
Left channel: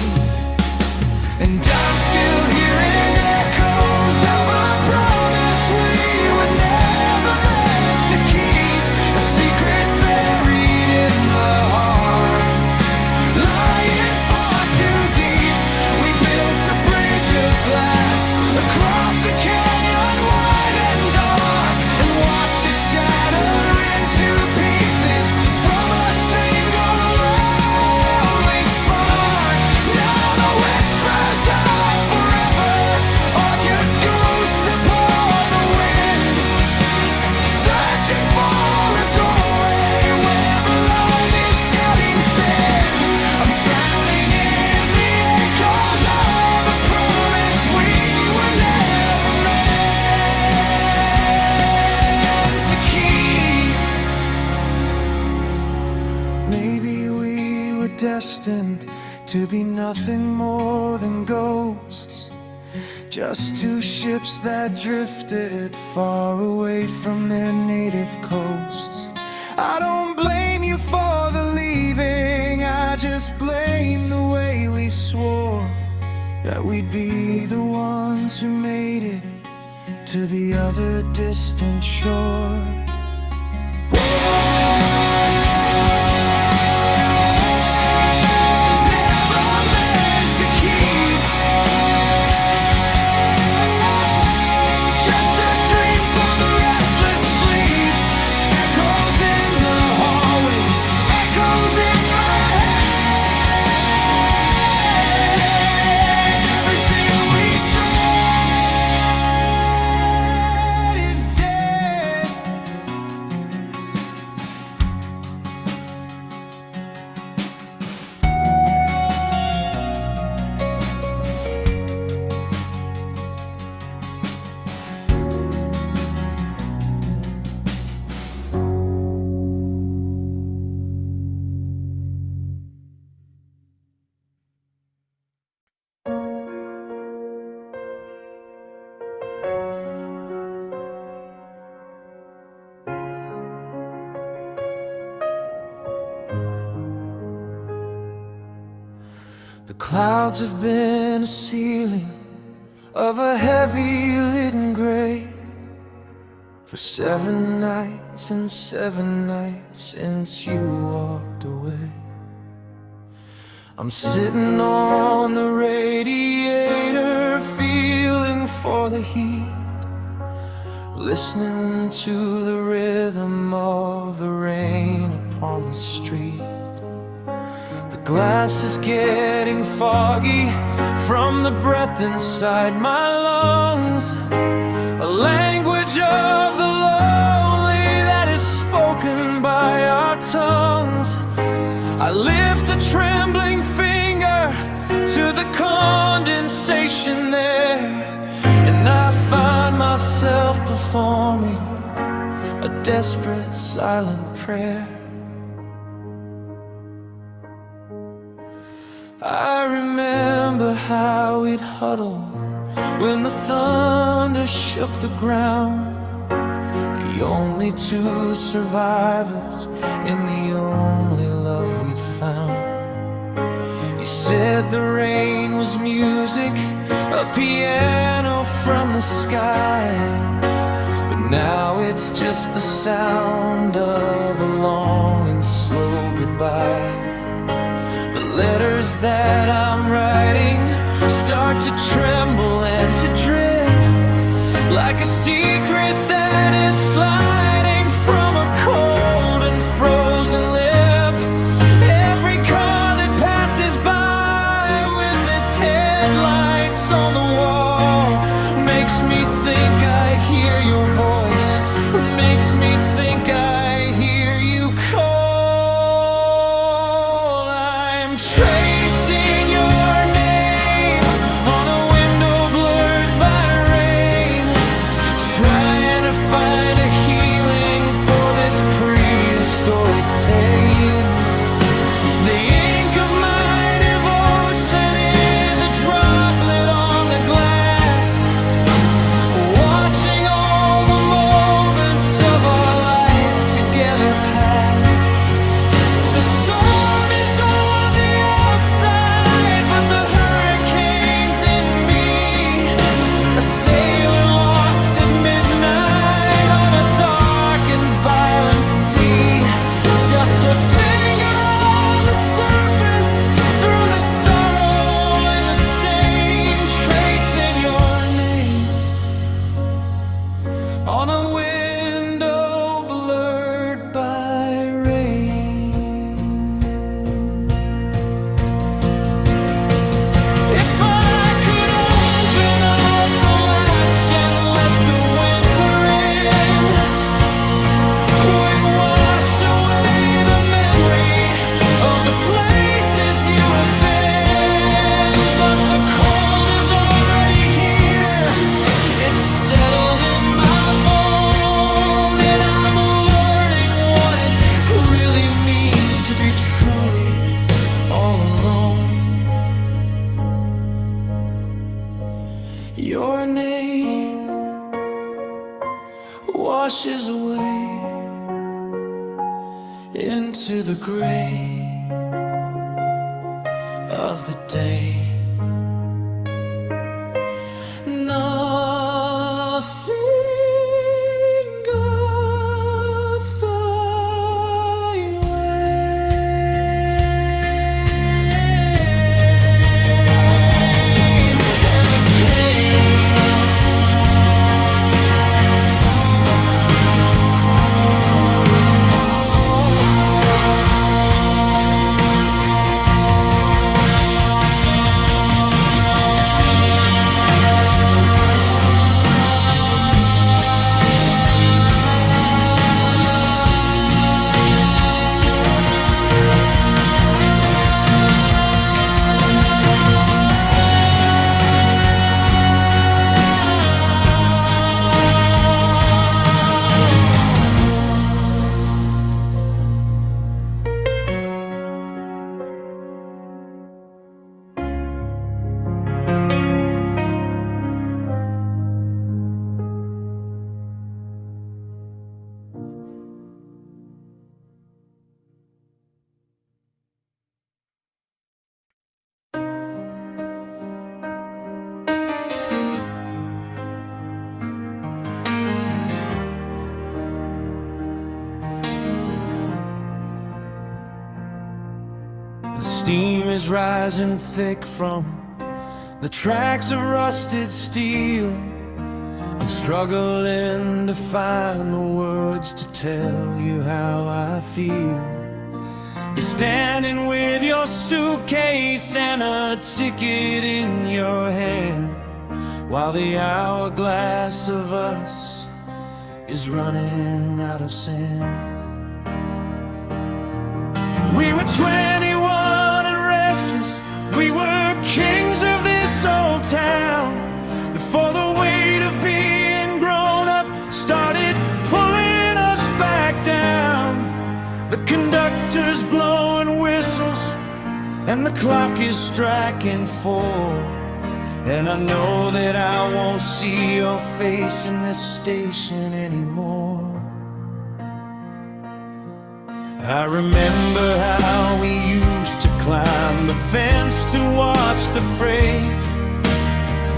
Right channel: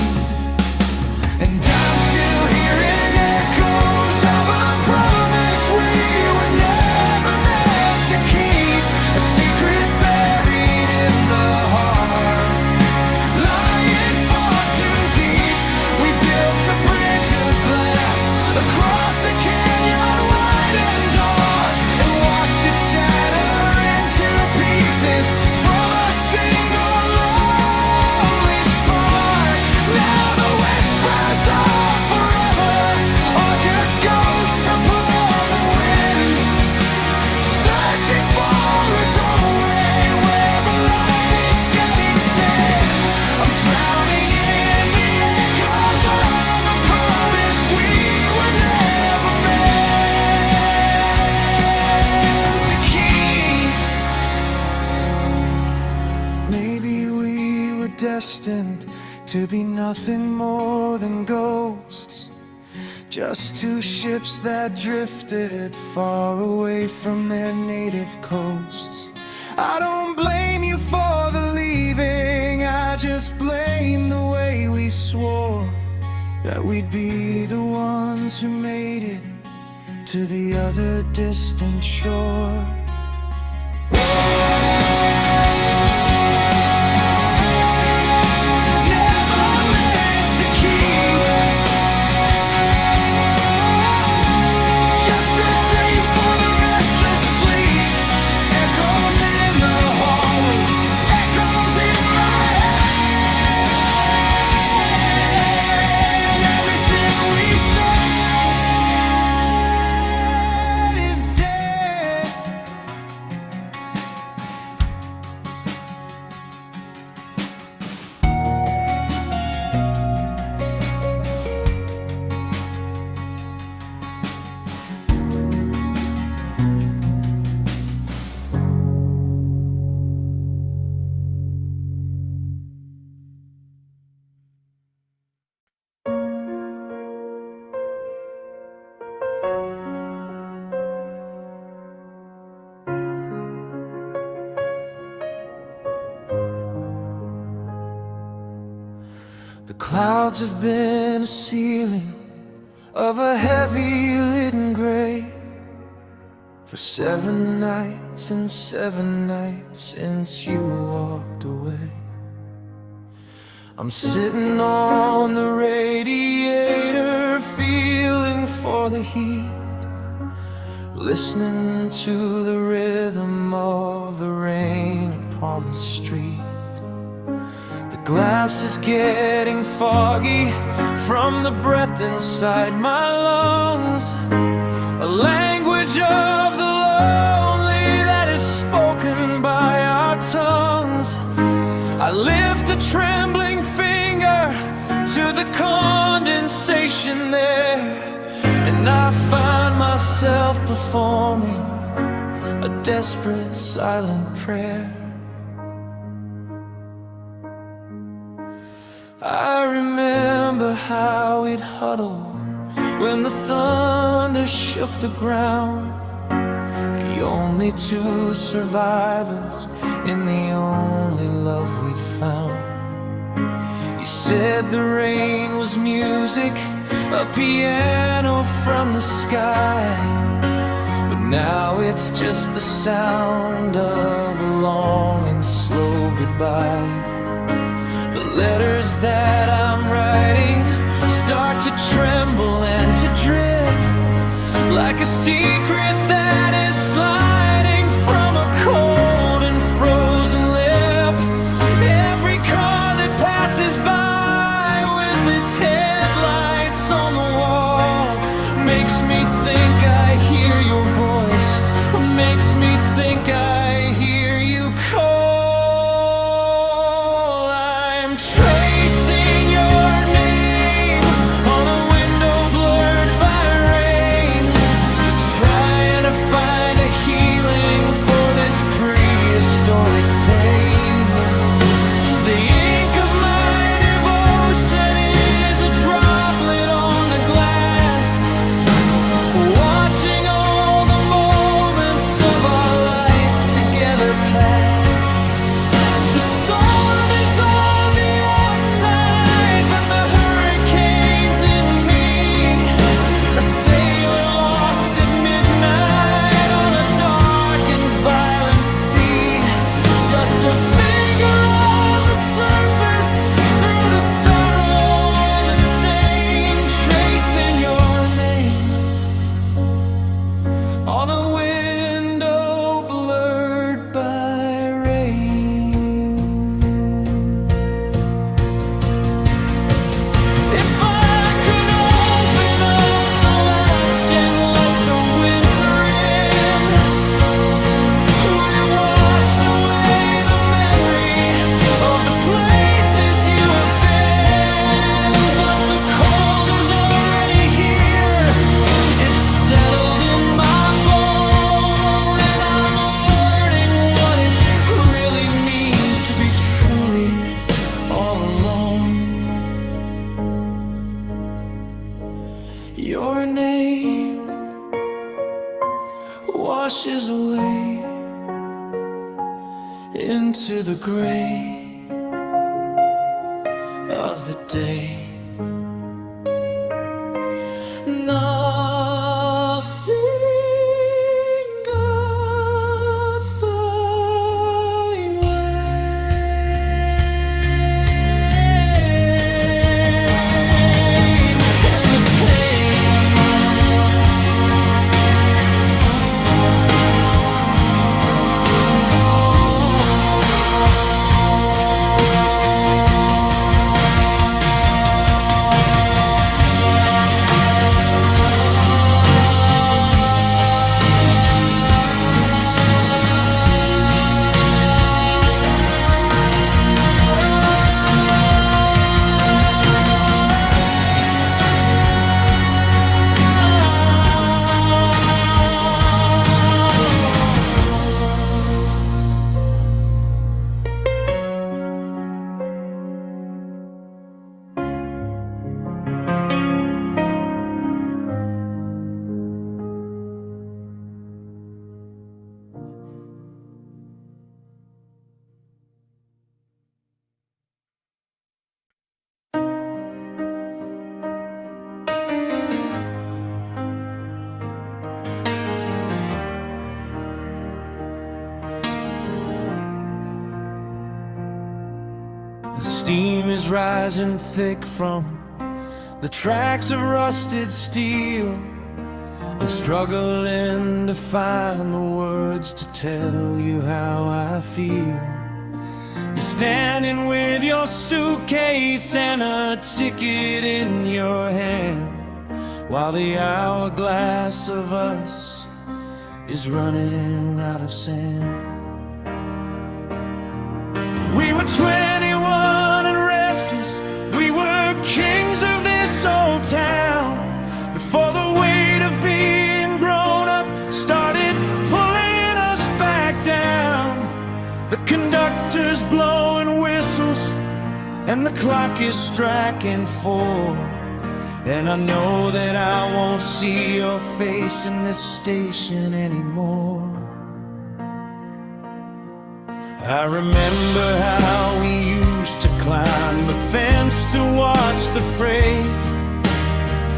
And I'm still hearing echoes of a promise we were never meant to keep, a secret buried in the heart, lying far too deep. We built a bridge of glass across a canyon wide and dark, and watched it shatter into pieces from a single lonely spark. Now the whispers of forever are just ghosts upon the wind, searching for a doorway where the line is getting thin. I'm drowning in the echoes of a promise we were never meant to keep. Maybe we were destined to be nothing more than ghosts, just two ships that drifted far away from their native coasts. I don't blame you for the leaving, I just blame the way we swore that we'd be the ones who made it to the other distant shore. Never meant to keep, just a dream for the restless sleep. Echoes in the hallway, echoes in my head. Everything we said is dead. The clouds have been a ceiling of a heavy leaden gray for 7 nights and 7 nights since you walked away. I'm sitting on the radiator, feeling for the heat, listening to the rhythm of the rain upon the street. The glass is getting foggy from the breath inside my lungs, a language of the lonely that is spoken by our tongues. I lift a trembling finger to the condensation there, and I find myself performing a desperate silent prayer. I remember how we'd huddle when the thunder shook the ground, the only two survivors in the only love we'd found. You said the rain was music, a piano from the sky, but now it's just the sound of a long and slow goodbye. The letters that I'm writing start to tremble and to drip, like a secret that is sliding from a cold and frozen lip. Every car that passes by with its headlights on the wall makes me think I hear your voice, makes me think I hear you call. I'm tracing your name on a window blurred by rain, trying to find a healing for this prehistoric pain. The ink of my devotion is a droplet on the glass, watching all the moments of our life together pass. The storm is on the outside, but the hurricane's in me, a sailor lost at midnight on a dark and violent sea. Just a finger on the surface, through the sorrow and the stain, tracing your name on a window blurred by rain. If I could open up the latch and let the winter in, would it wash away the memory of the places you have been? But the cold is already here, it's settled in my bone, and I'm learning what it really means to be truly all alone. Your name washes away into the gray of the day. Nothing of the weight and the pain. The steam is rising thick from the tracks of rusted steel. I'm struggling to find the words to tell you how I feel. You're standing with your suitcase and a ticket in your hand, while the hourglass of us is running out of sand. We were 21 and restless. We were kings of this old town, before the weight of being grown up started pulling us back down. The conductor's blowing whistles and the clock is striking 4, and I know that I won't see your face in this station anymore. I remember how we used to climb the fence to watch the freight,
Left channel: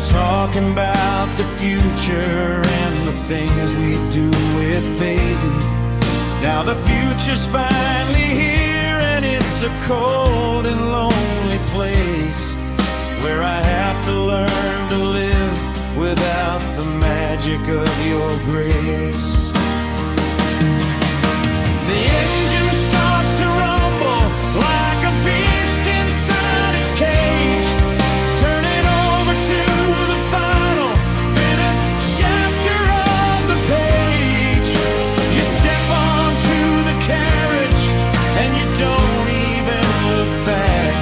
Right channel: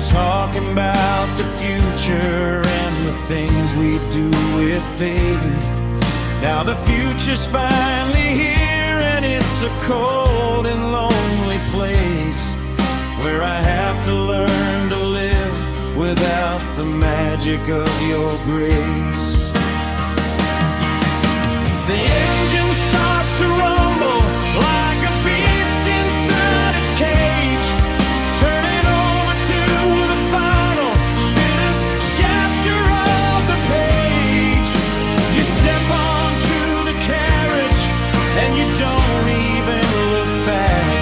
talking about the future and the things we do with faith. Now the future's finally here, and it's a cold and lonely place where I have to learn to live without the magic of your grace. The engine starts to rumble like a beast inside its cage, turning over to the final bitter chapter of the page. You step onto the carriage and you don't even look back,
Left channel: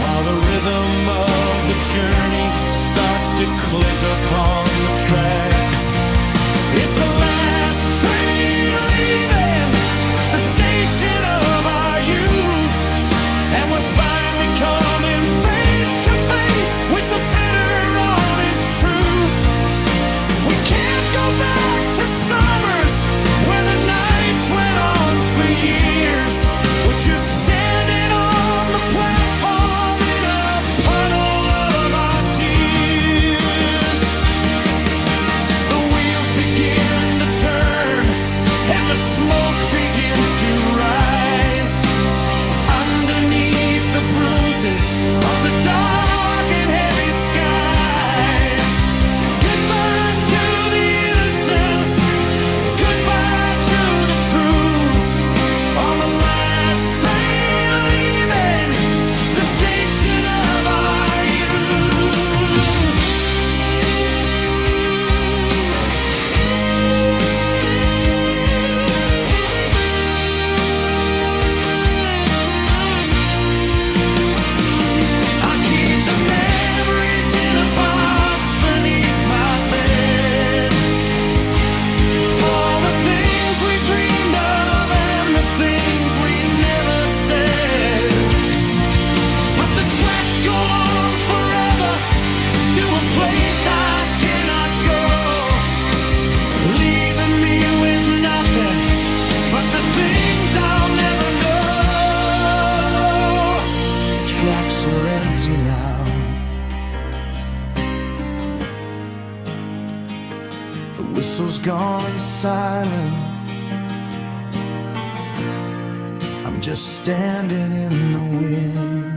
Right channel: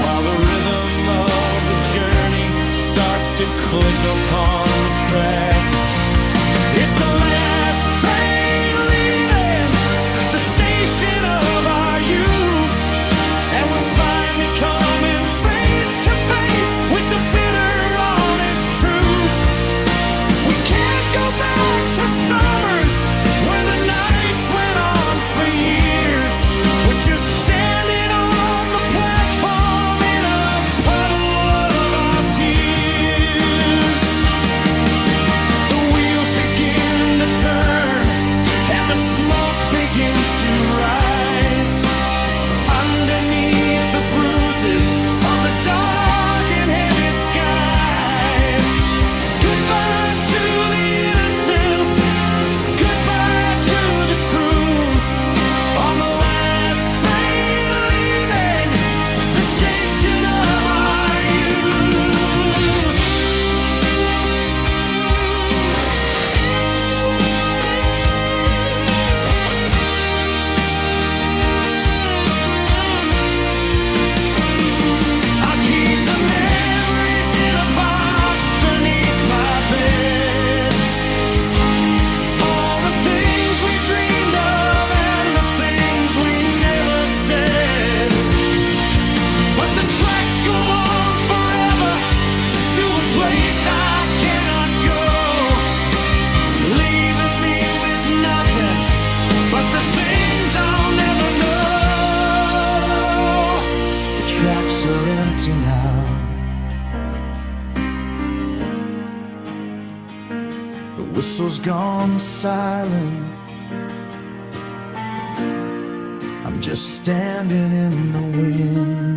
while the rhythm of the journey starts to click upon the track. It's the last train leaving the station of our youth, and we're finally coming face to face with the bitter, honest truth. We can't go back to summers where the nights went on for years. We're just standing on the platform in a puddle of our tears. The wheels begin to turn and the smoke begins to rise underneath the bruises of the dark and heavy skies. Goodbye to the innocence, goodbye to the truth. On the last train leaving the station of our youth. I keep the memories in a box beneath my bed. All the things we dreamed of and the things we never said. But the tracks go on forever to a place I cannot go, leaving me with nothing but the things I'll never know. The tracks are empty now. The whistle's gone silent. I'm just standing in the wind.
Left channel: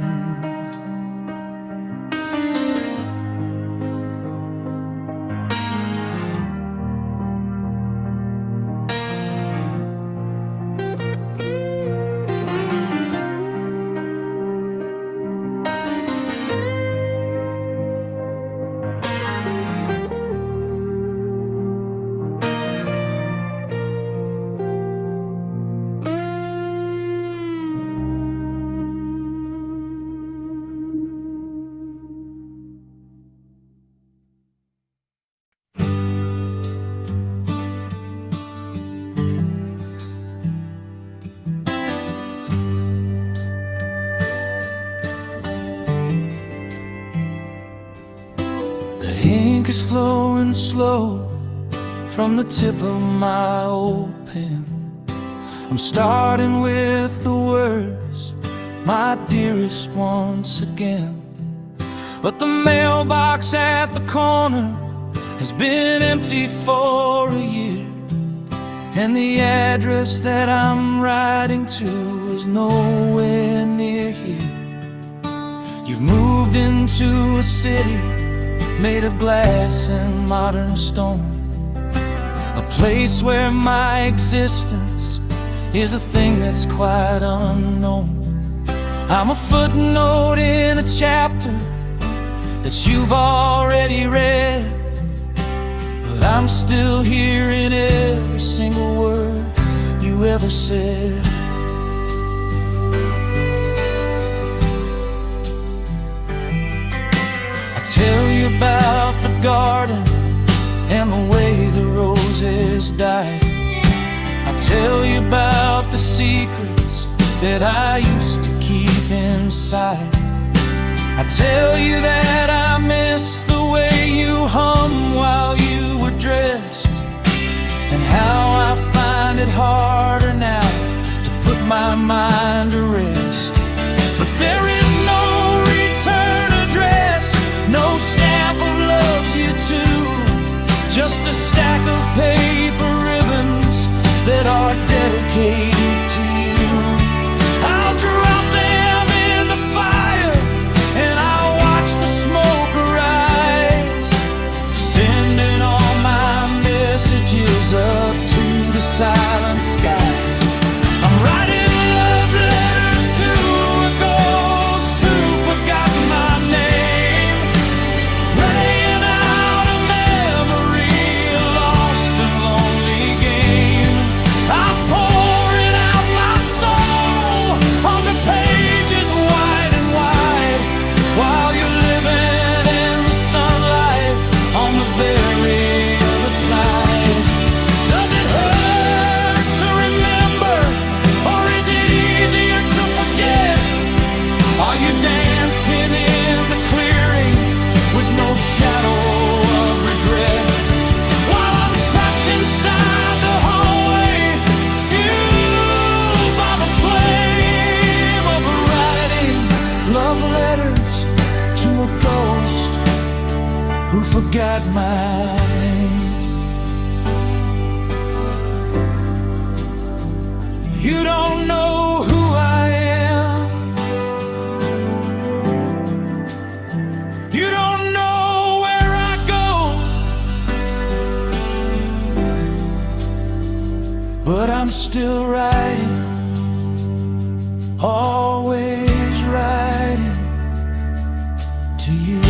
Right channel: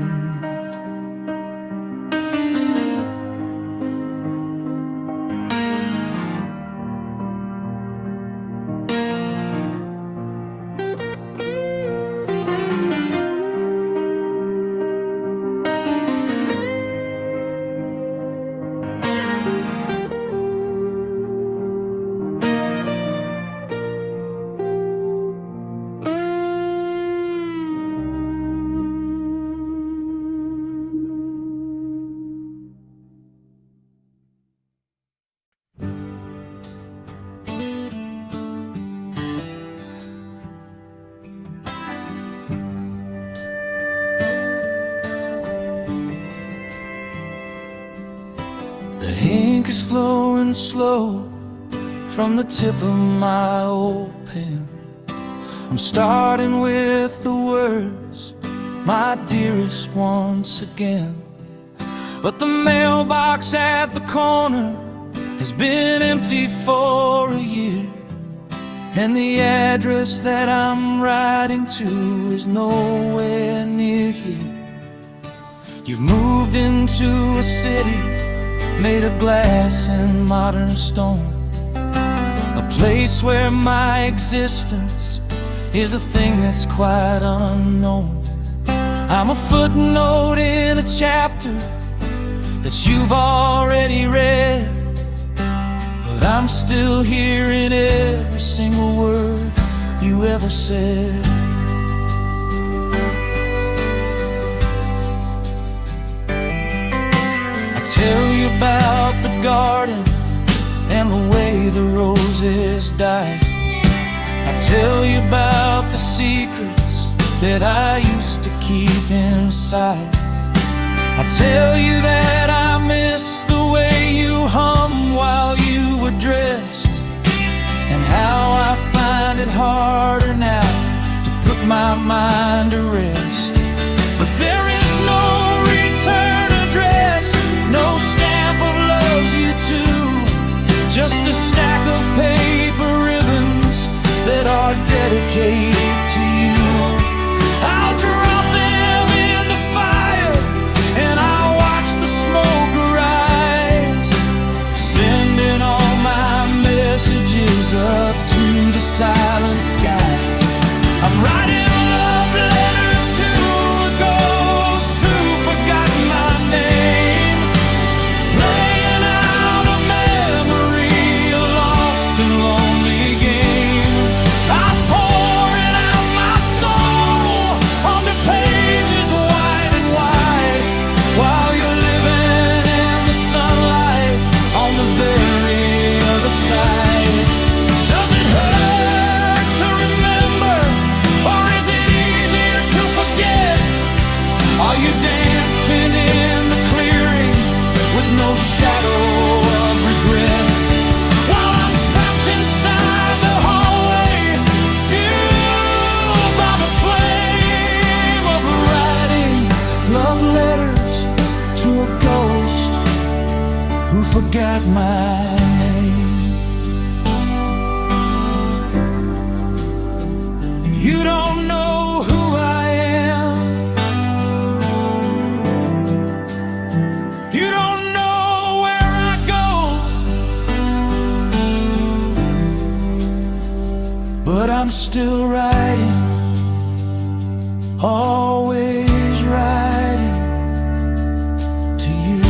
The ink is flowing slow from the tip of my old pen. I'm starting with the words, my dearest, once again. But the mailbox at the corner has been empty for a year, and the address that I'm writing to is nowhere near here. You've moved into a city made of glass and modern stone, a place where my existence is a thing that's quite unknown. I'm a footnote in a chapter that you've already read, but I'm still hearing every single word you ever said. I tell you about the garden and the way the roses died. I tell you about the secrets that I used to keep inside. I tell you that I miss the way you hum while you were dressed, and how I find it harder now to put my mind to rest. But there is no return address, no stamp of loves you too, just a stack of paper ribbons that are dedicated to you. I'll drop them in the fire and I'll watch the smoke arise, sending all my messages up to the silent skies. I'm writing love letters to a ghost who forgot my name, playing out a memory, a lost and lonely game. I'm pouring out my soul onto pages wide and wide, while you're living in the sunlight on the very other side. Does it hurt to remember, or is it easier to forget? Are you dancing in the clearing with no shadow of regret, while I'm trapped inside the hallway, fueled by the flame of writing love letters to a ghost who forgot my name? You don't know who I am, you don't know where I go, but I'm still writing, always writing to you.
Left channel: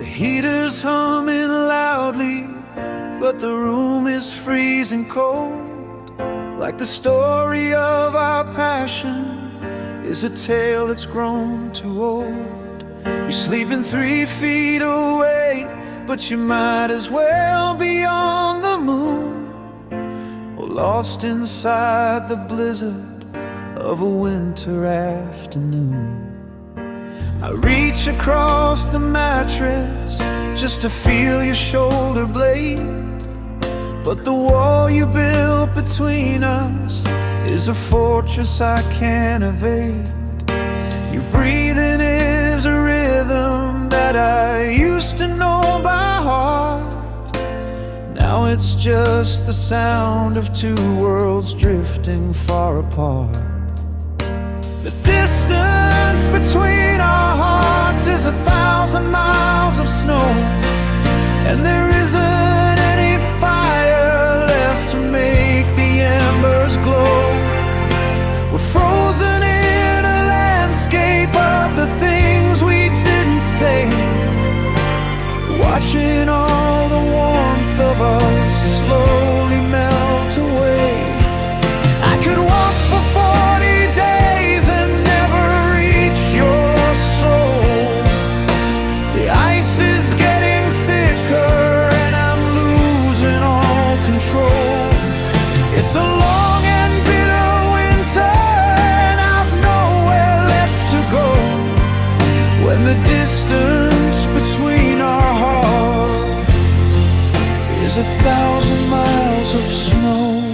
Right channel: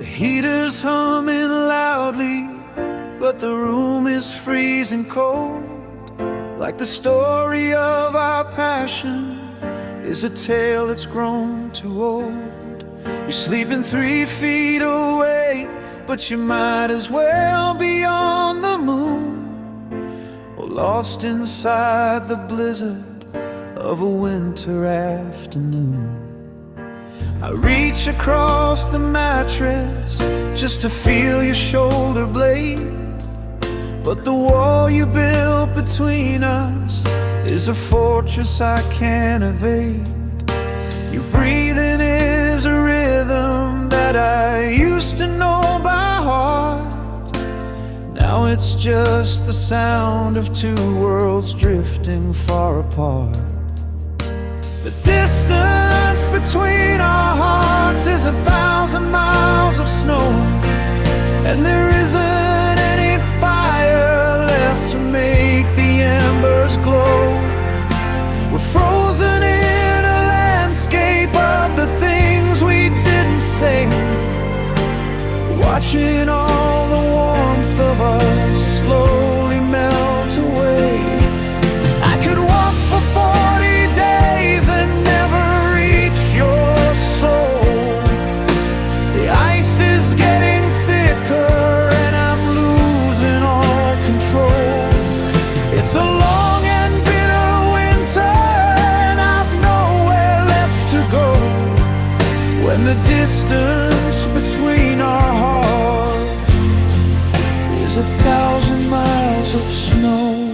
Heaters humming loudly, but the room is freezing cold. Like the story of our passion is a tale that's grown too old. You're sleeping 3 feet away, but you might as well be on the moon, or lost inside the blizzard of a winter afternoon. I reach across the mattress just to feel your shoulder blade. But the wall you built between us is a fortress I can't evade. Your breathing is a rhythm that I used to know by heart. Now it's just the sound of two worlds drifting far apart. The distance between our hearts is 1,000 miles of snow, and there isn't any fire left to make the embers glow. We're frozen in a landscape of the things we didn't say, watching all the warmth of us slowly melt away. I could walk for 40 days and never reach your soul. The ice is getting thicker and I'm losing all control. It's a long and bitter winter and I've nowhere left to go, when the distance between our hearts is 1,000 miles of snow.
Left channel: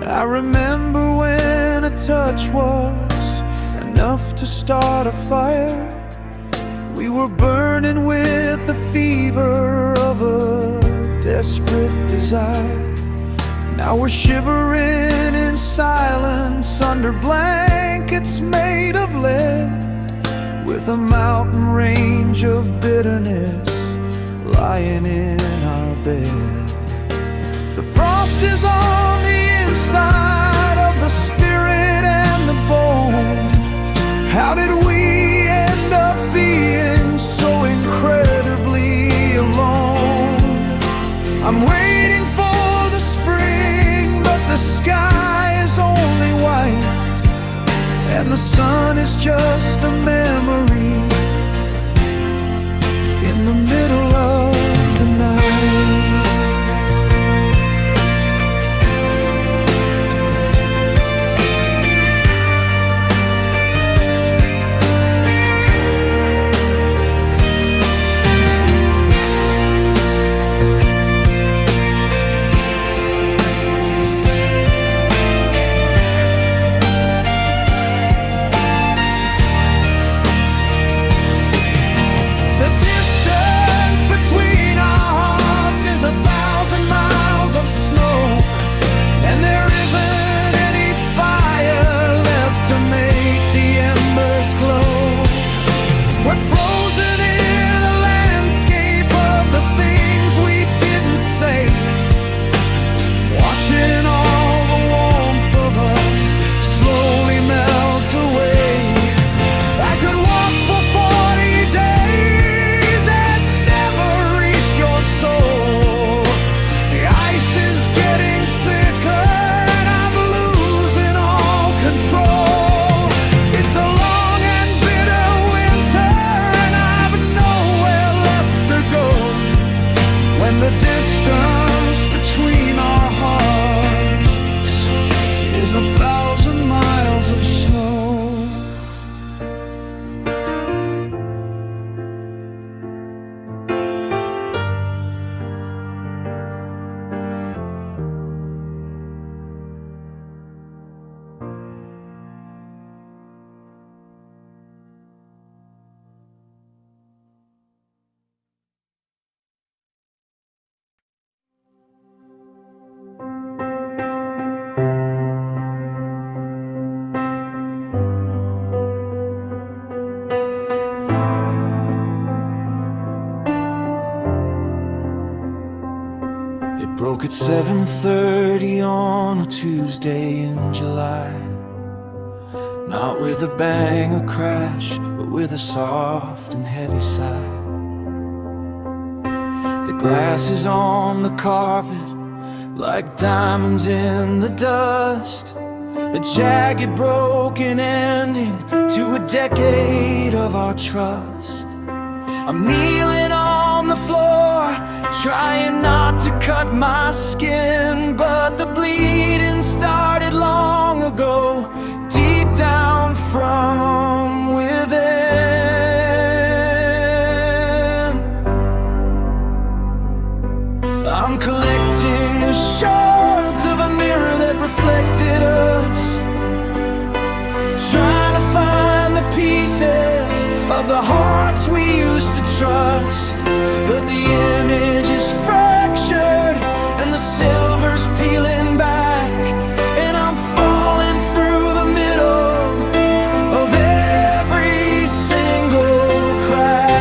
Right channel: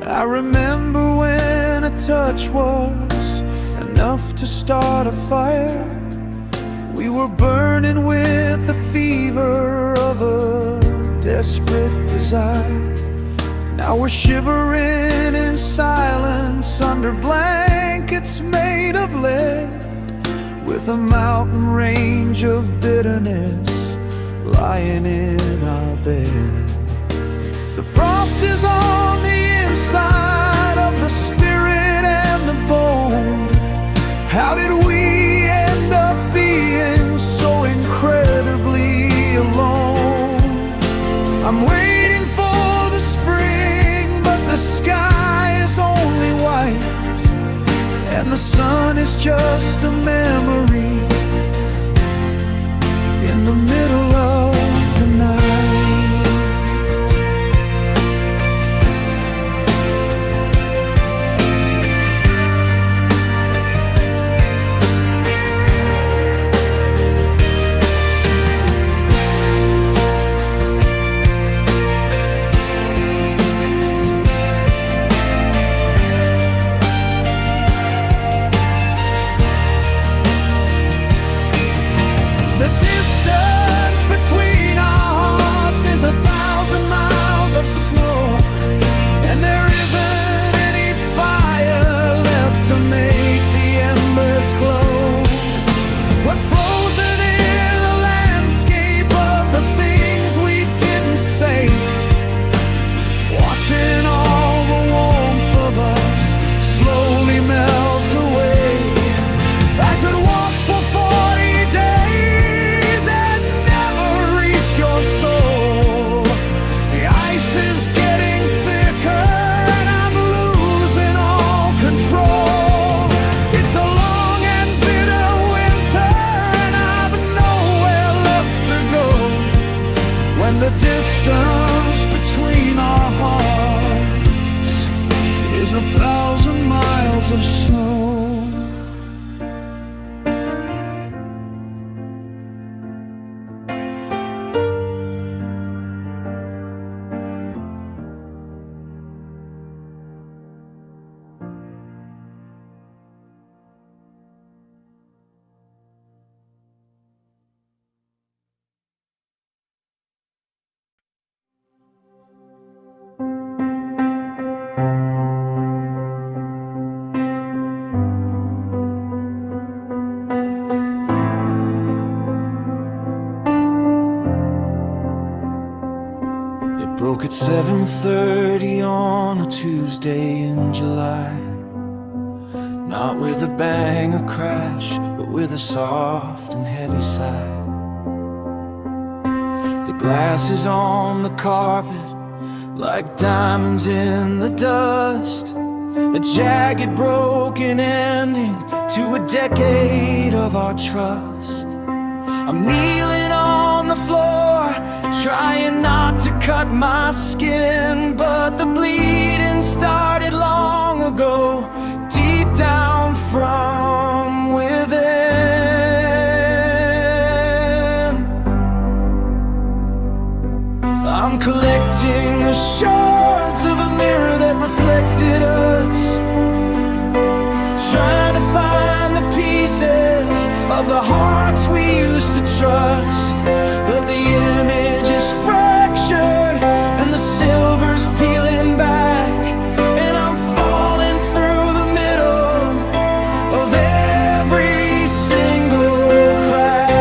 I remember when a touch was enough to start a fire. We were burning with the fever of a desperate desire. Now we're shivering in silence under blankets made of lead, with a mountain range of bitterness lying in our bed. The frost is on the inside of the spirit and the bone. How did we end up being so incredibly alone? I'm waiting for the spring, but the sky is only white, and the sun is just a memory in the middle of the night. We're frozen in a landscape of the things we didn't say, watching all the warmth of us slowly melt away. I could walk for 40 days and never reach your soul. The ice is getting thicker and I'm losing all control. It's a long and bitter winter and I've nowhere left to go, when the distance between our hearts is 1,000 miles of snow. It broke at 7:30 on a Tuesday in July. Not with a bang or crash, but with a soft and heavy sigh. The glass is on the carpet like diamonds in the dust, a jagged broken ending to a decade of our trust. I'm kneeling on on the floor, trying not to cut my skin, but the bleeding started long ago, deep down from within. I'm collecting the shards of a mirror that reflected us, trying to find the pieces of the hearts we used to trust. But the image is fractured and the silver's peeling back, and I'm falling through the middle of every single crack.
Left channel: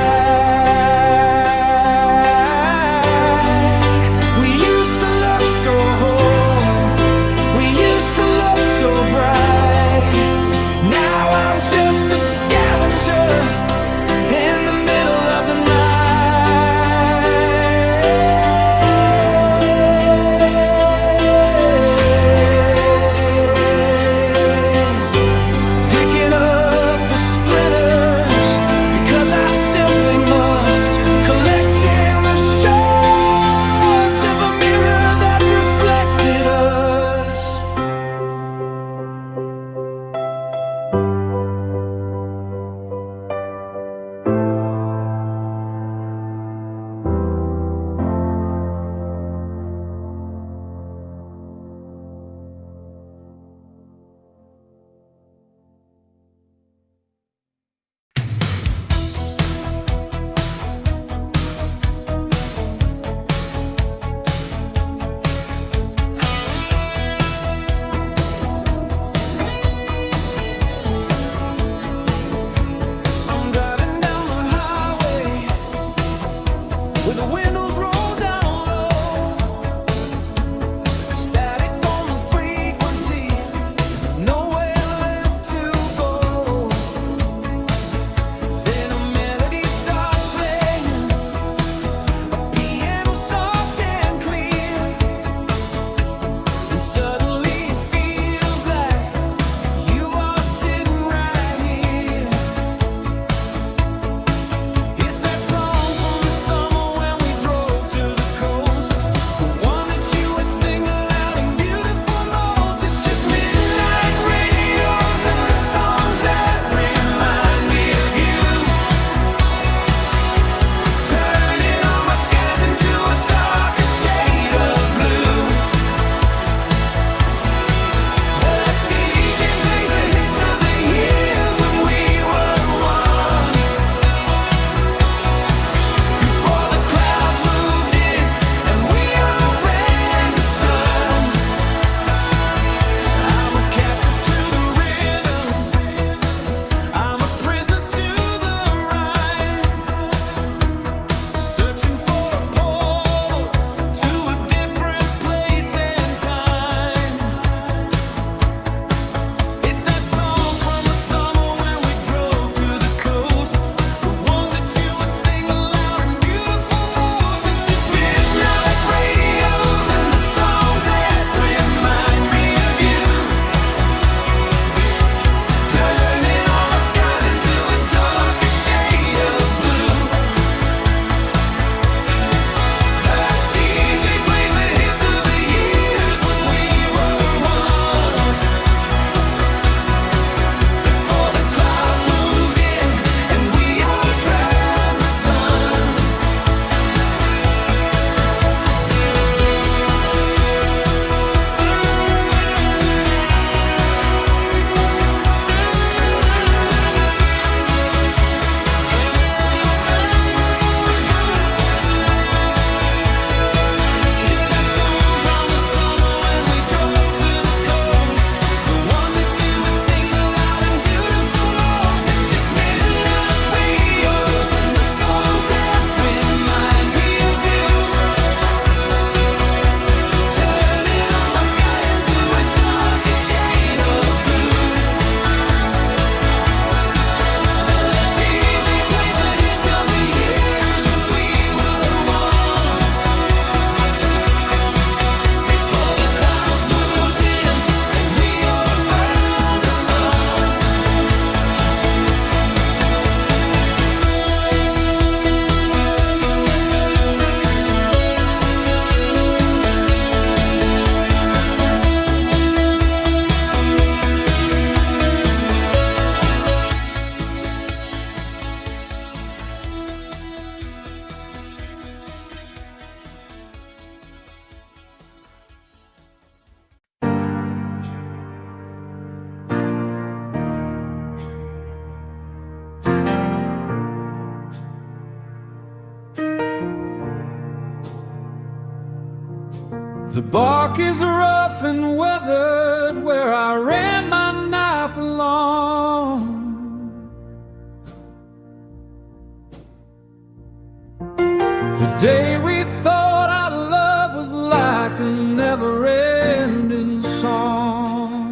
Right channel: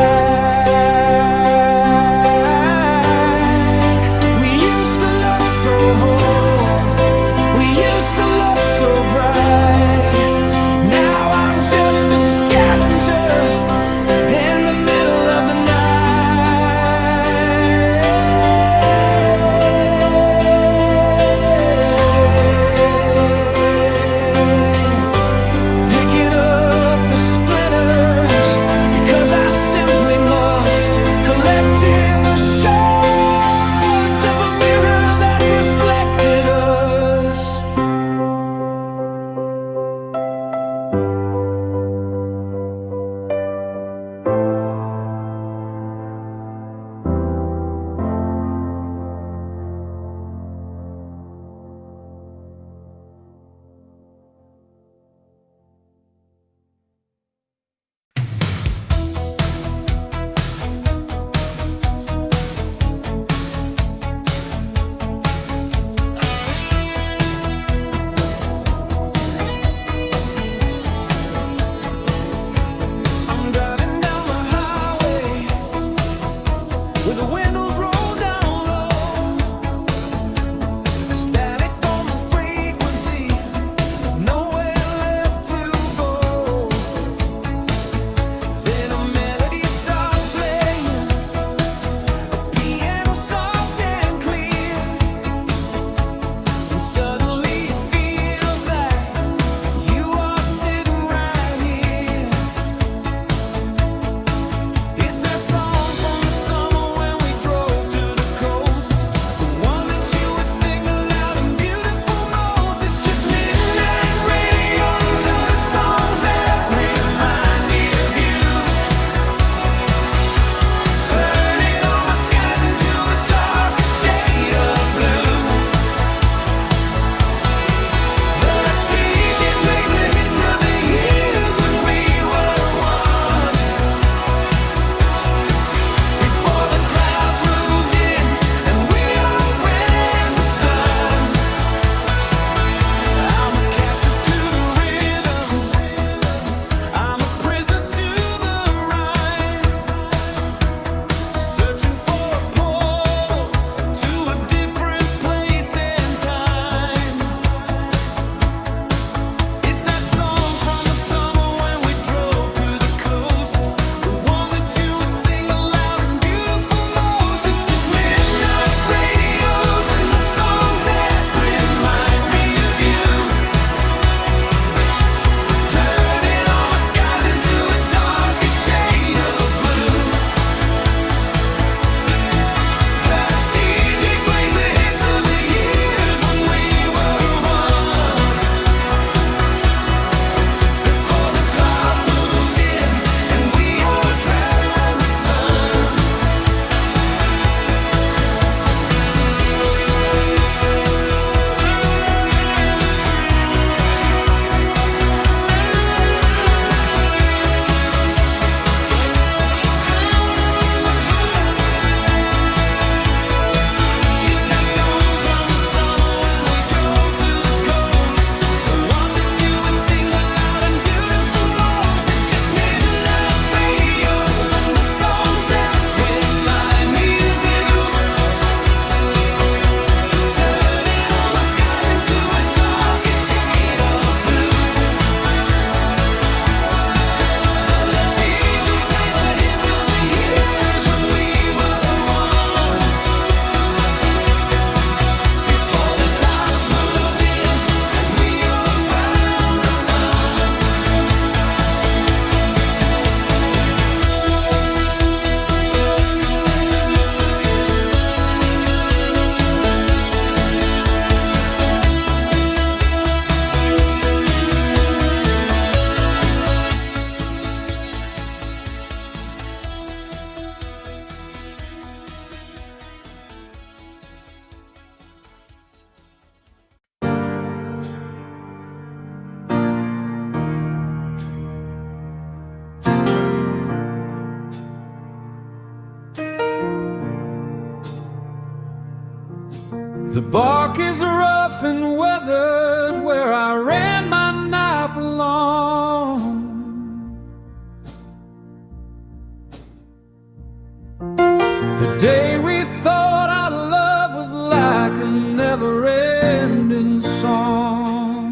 We used to look so whole, we used to look so bright. Now I'm just a scavenger in the middle of the night. Picking up the splinters because I simply must, collecting the shards of a mirror that reflected us. The bark is rough and weathered where I ran my knife along. The day we thought our love was like a never-ending song.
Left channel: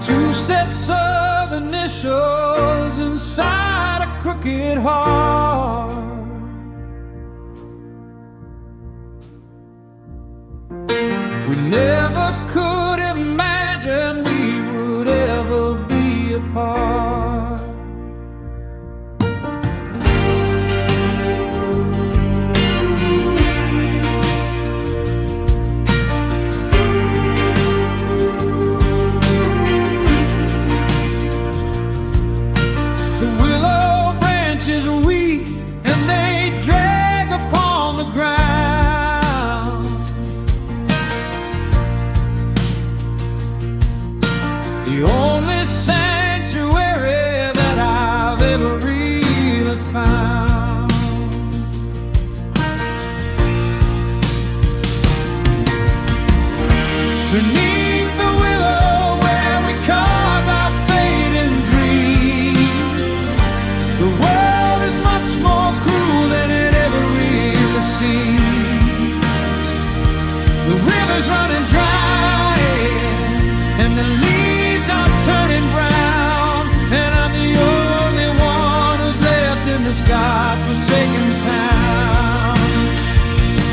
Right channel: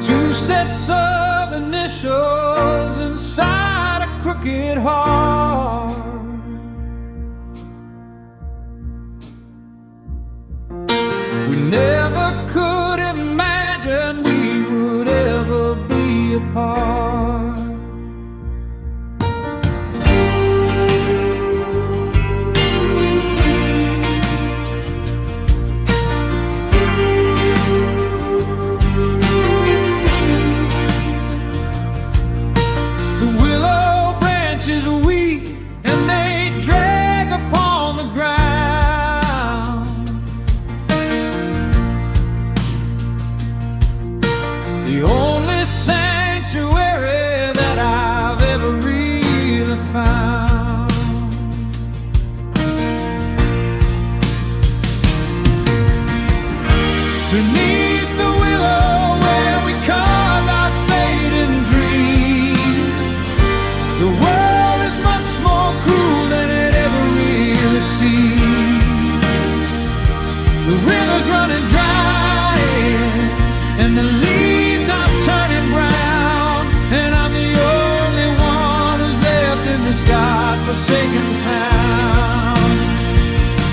Two sets of initials inside a crooked heart. We never could imagine we would ever be apart. The willow branches weep and they drag upon the ground. The only sanctuary that I've ever really found. Beneath the willow where we carved our fading dreams, the world is much more cruel than it ever really seemed. The river's running dry and the leaves are turning brown, and I'm the only one who's left in this God-forsaken town.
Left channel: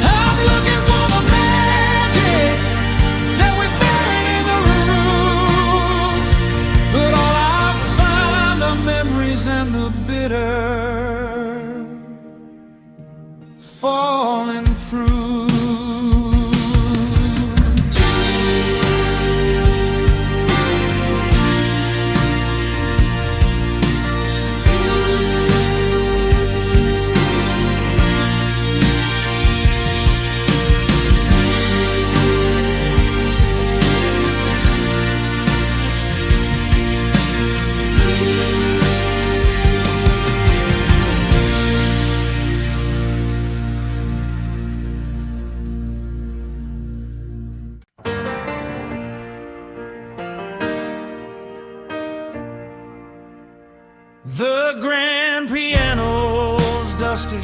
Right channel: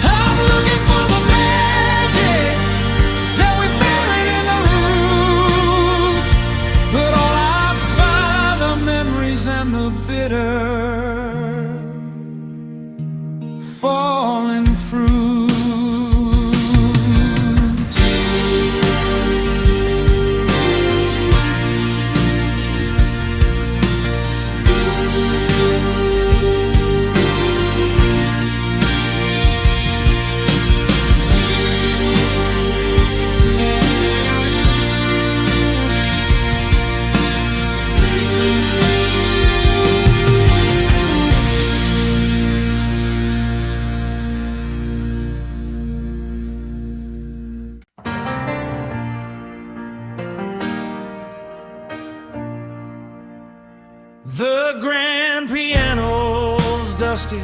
I'm looking for the magic that we buried in the roots, but all I find are memories and the bitter falling fruit. The grand piano's dusty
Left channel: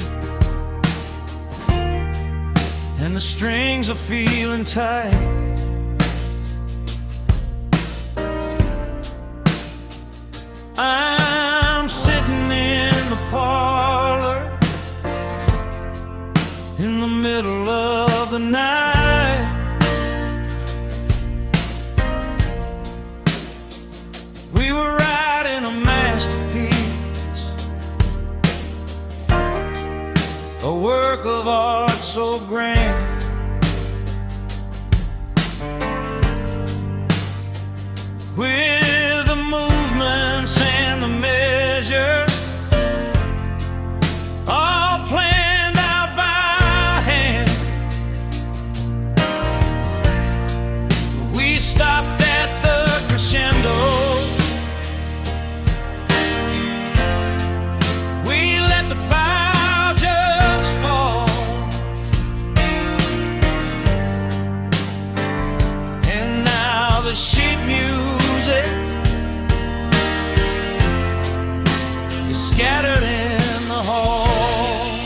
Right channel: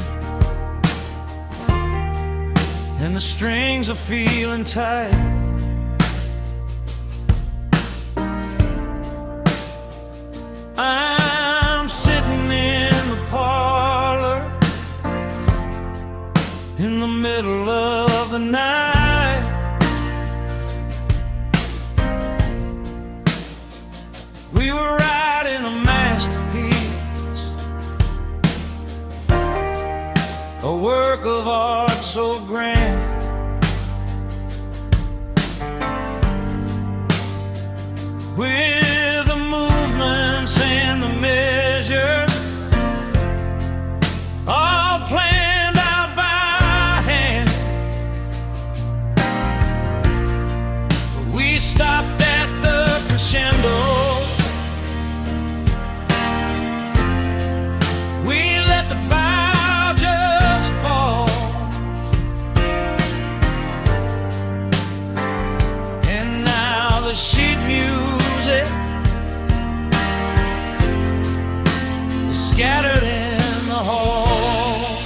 and the strings are feeling tight. I'm sitting in the parlor in the middle of the night. We were writing a masterpiece, a work of art so grand. With the movements and the measures all planned out by hand. We stopped at the crescendo. We let the bow just fall, and now the sheet music is scattered in the hall.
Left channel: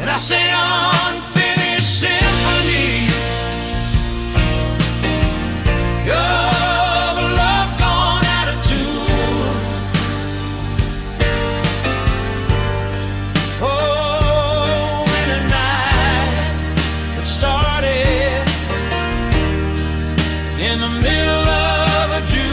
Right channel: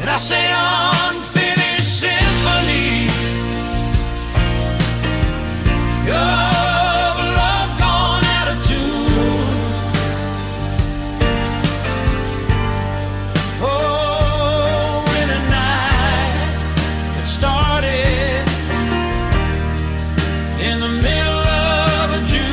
And I say unfinished symphony of a love gone out of tune. Oh, in a night that started in the middle of a June,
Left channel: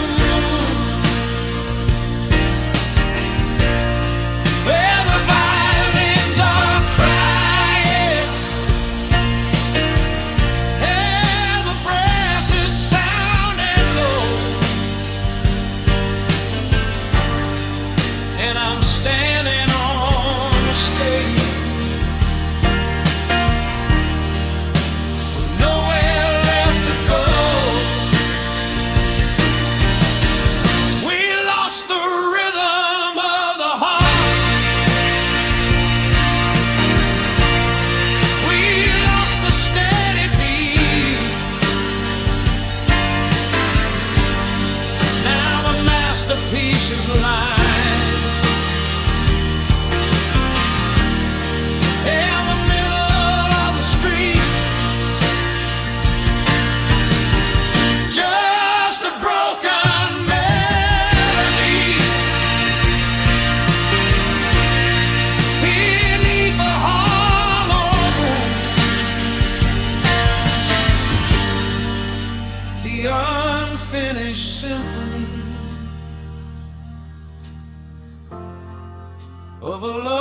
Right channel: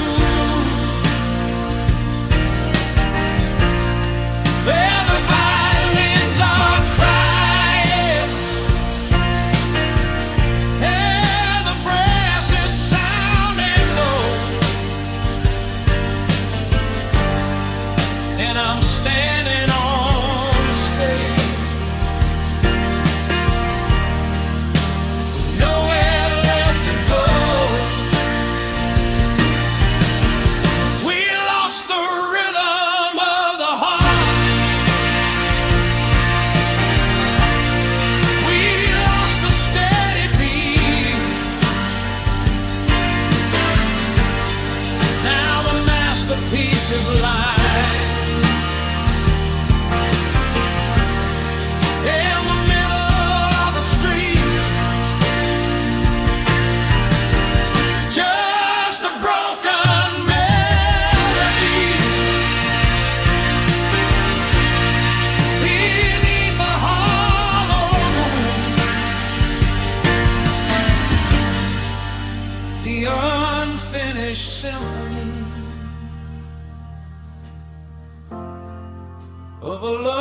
where the violins are crying of a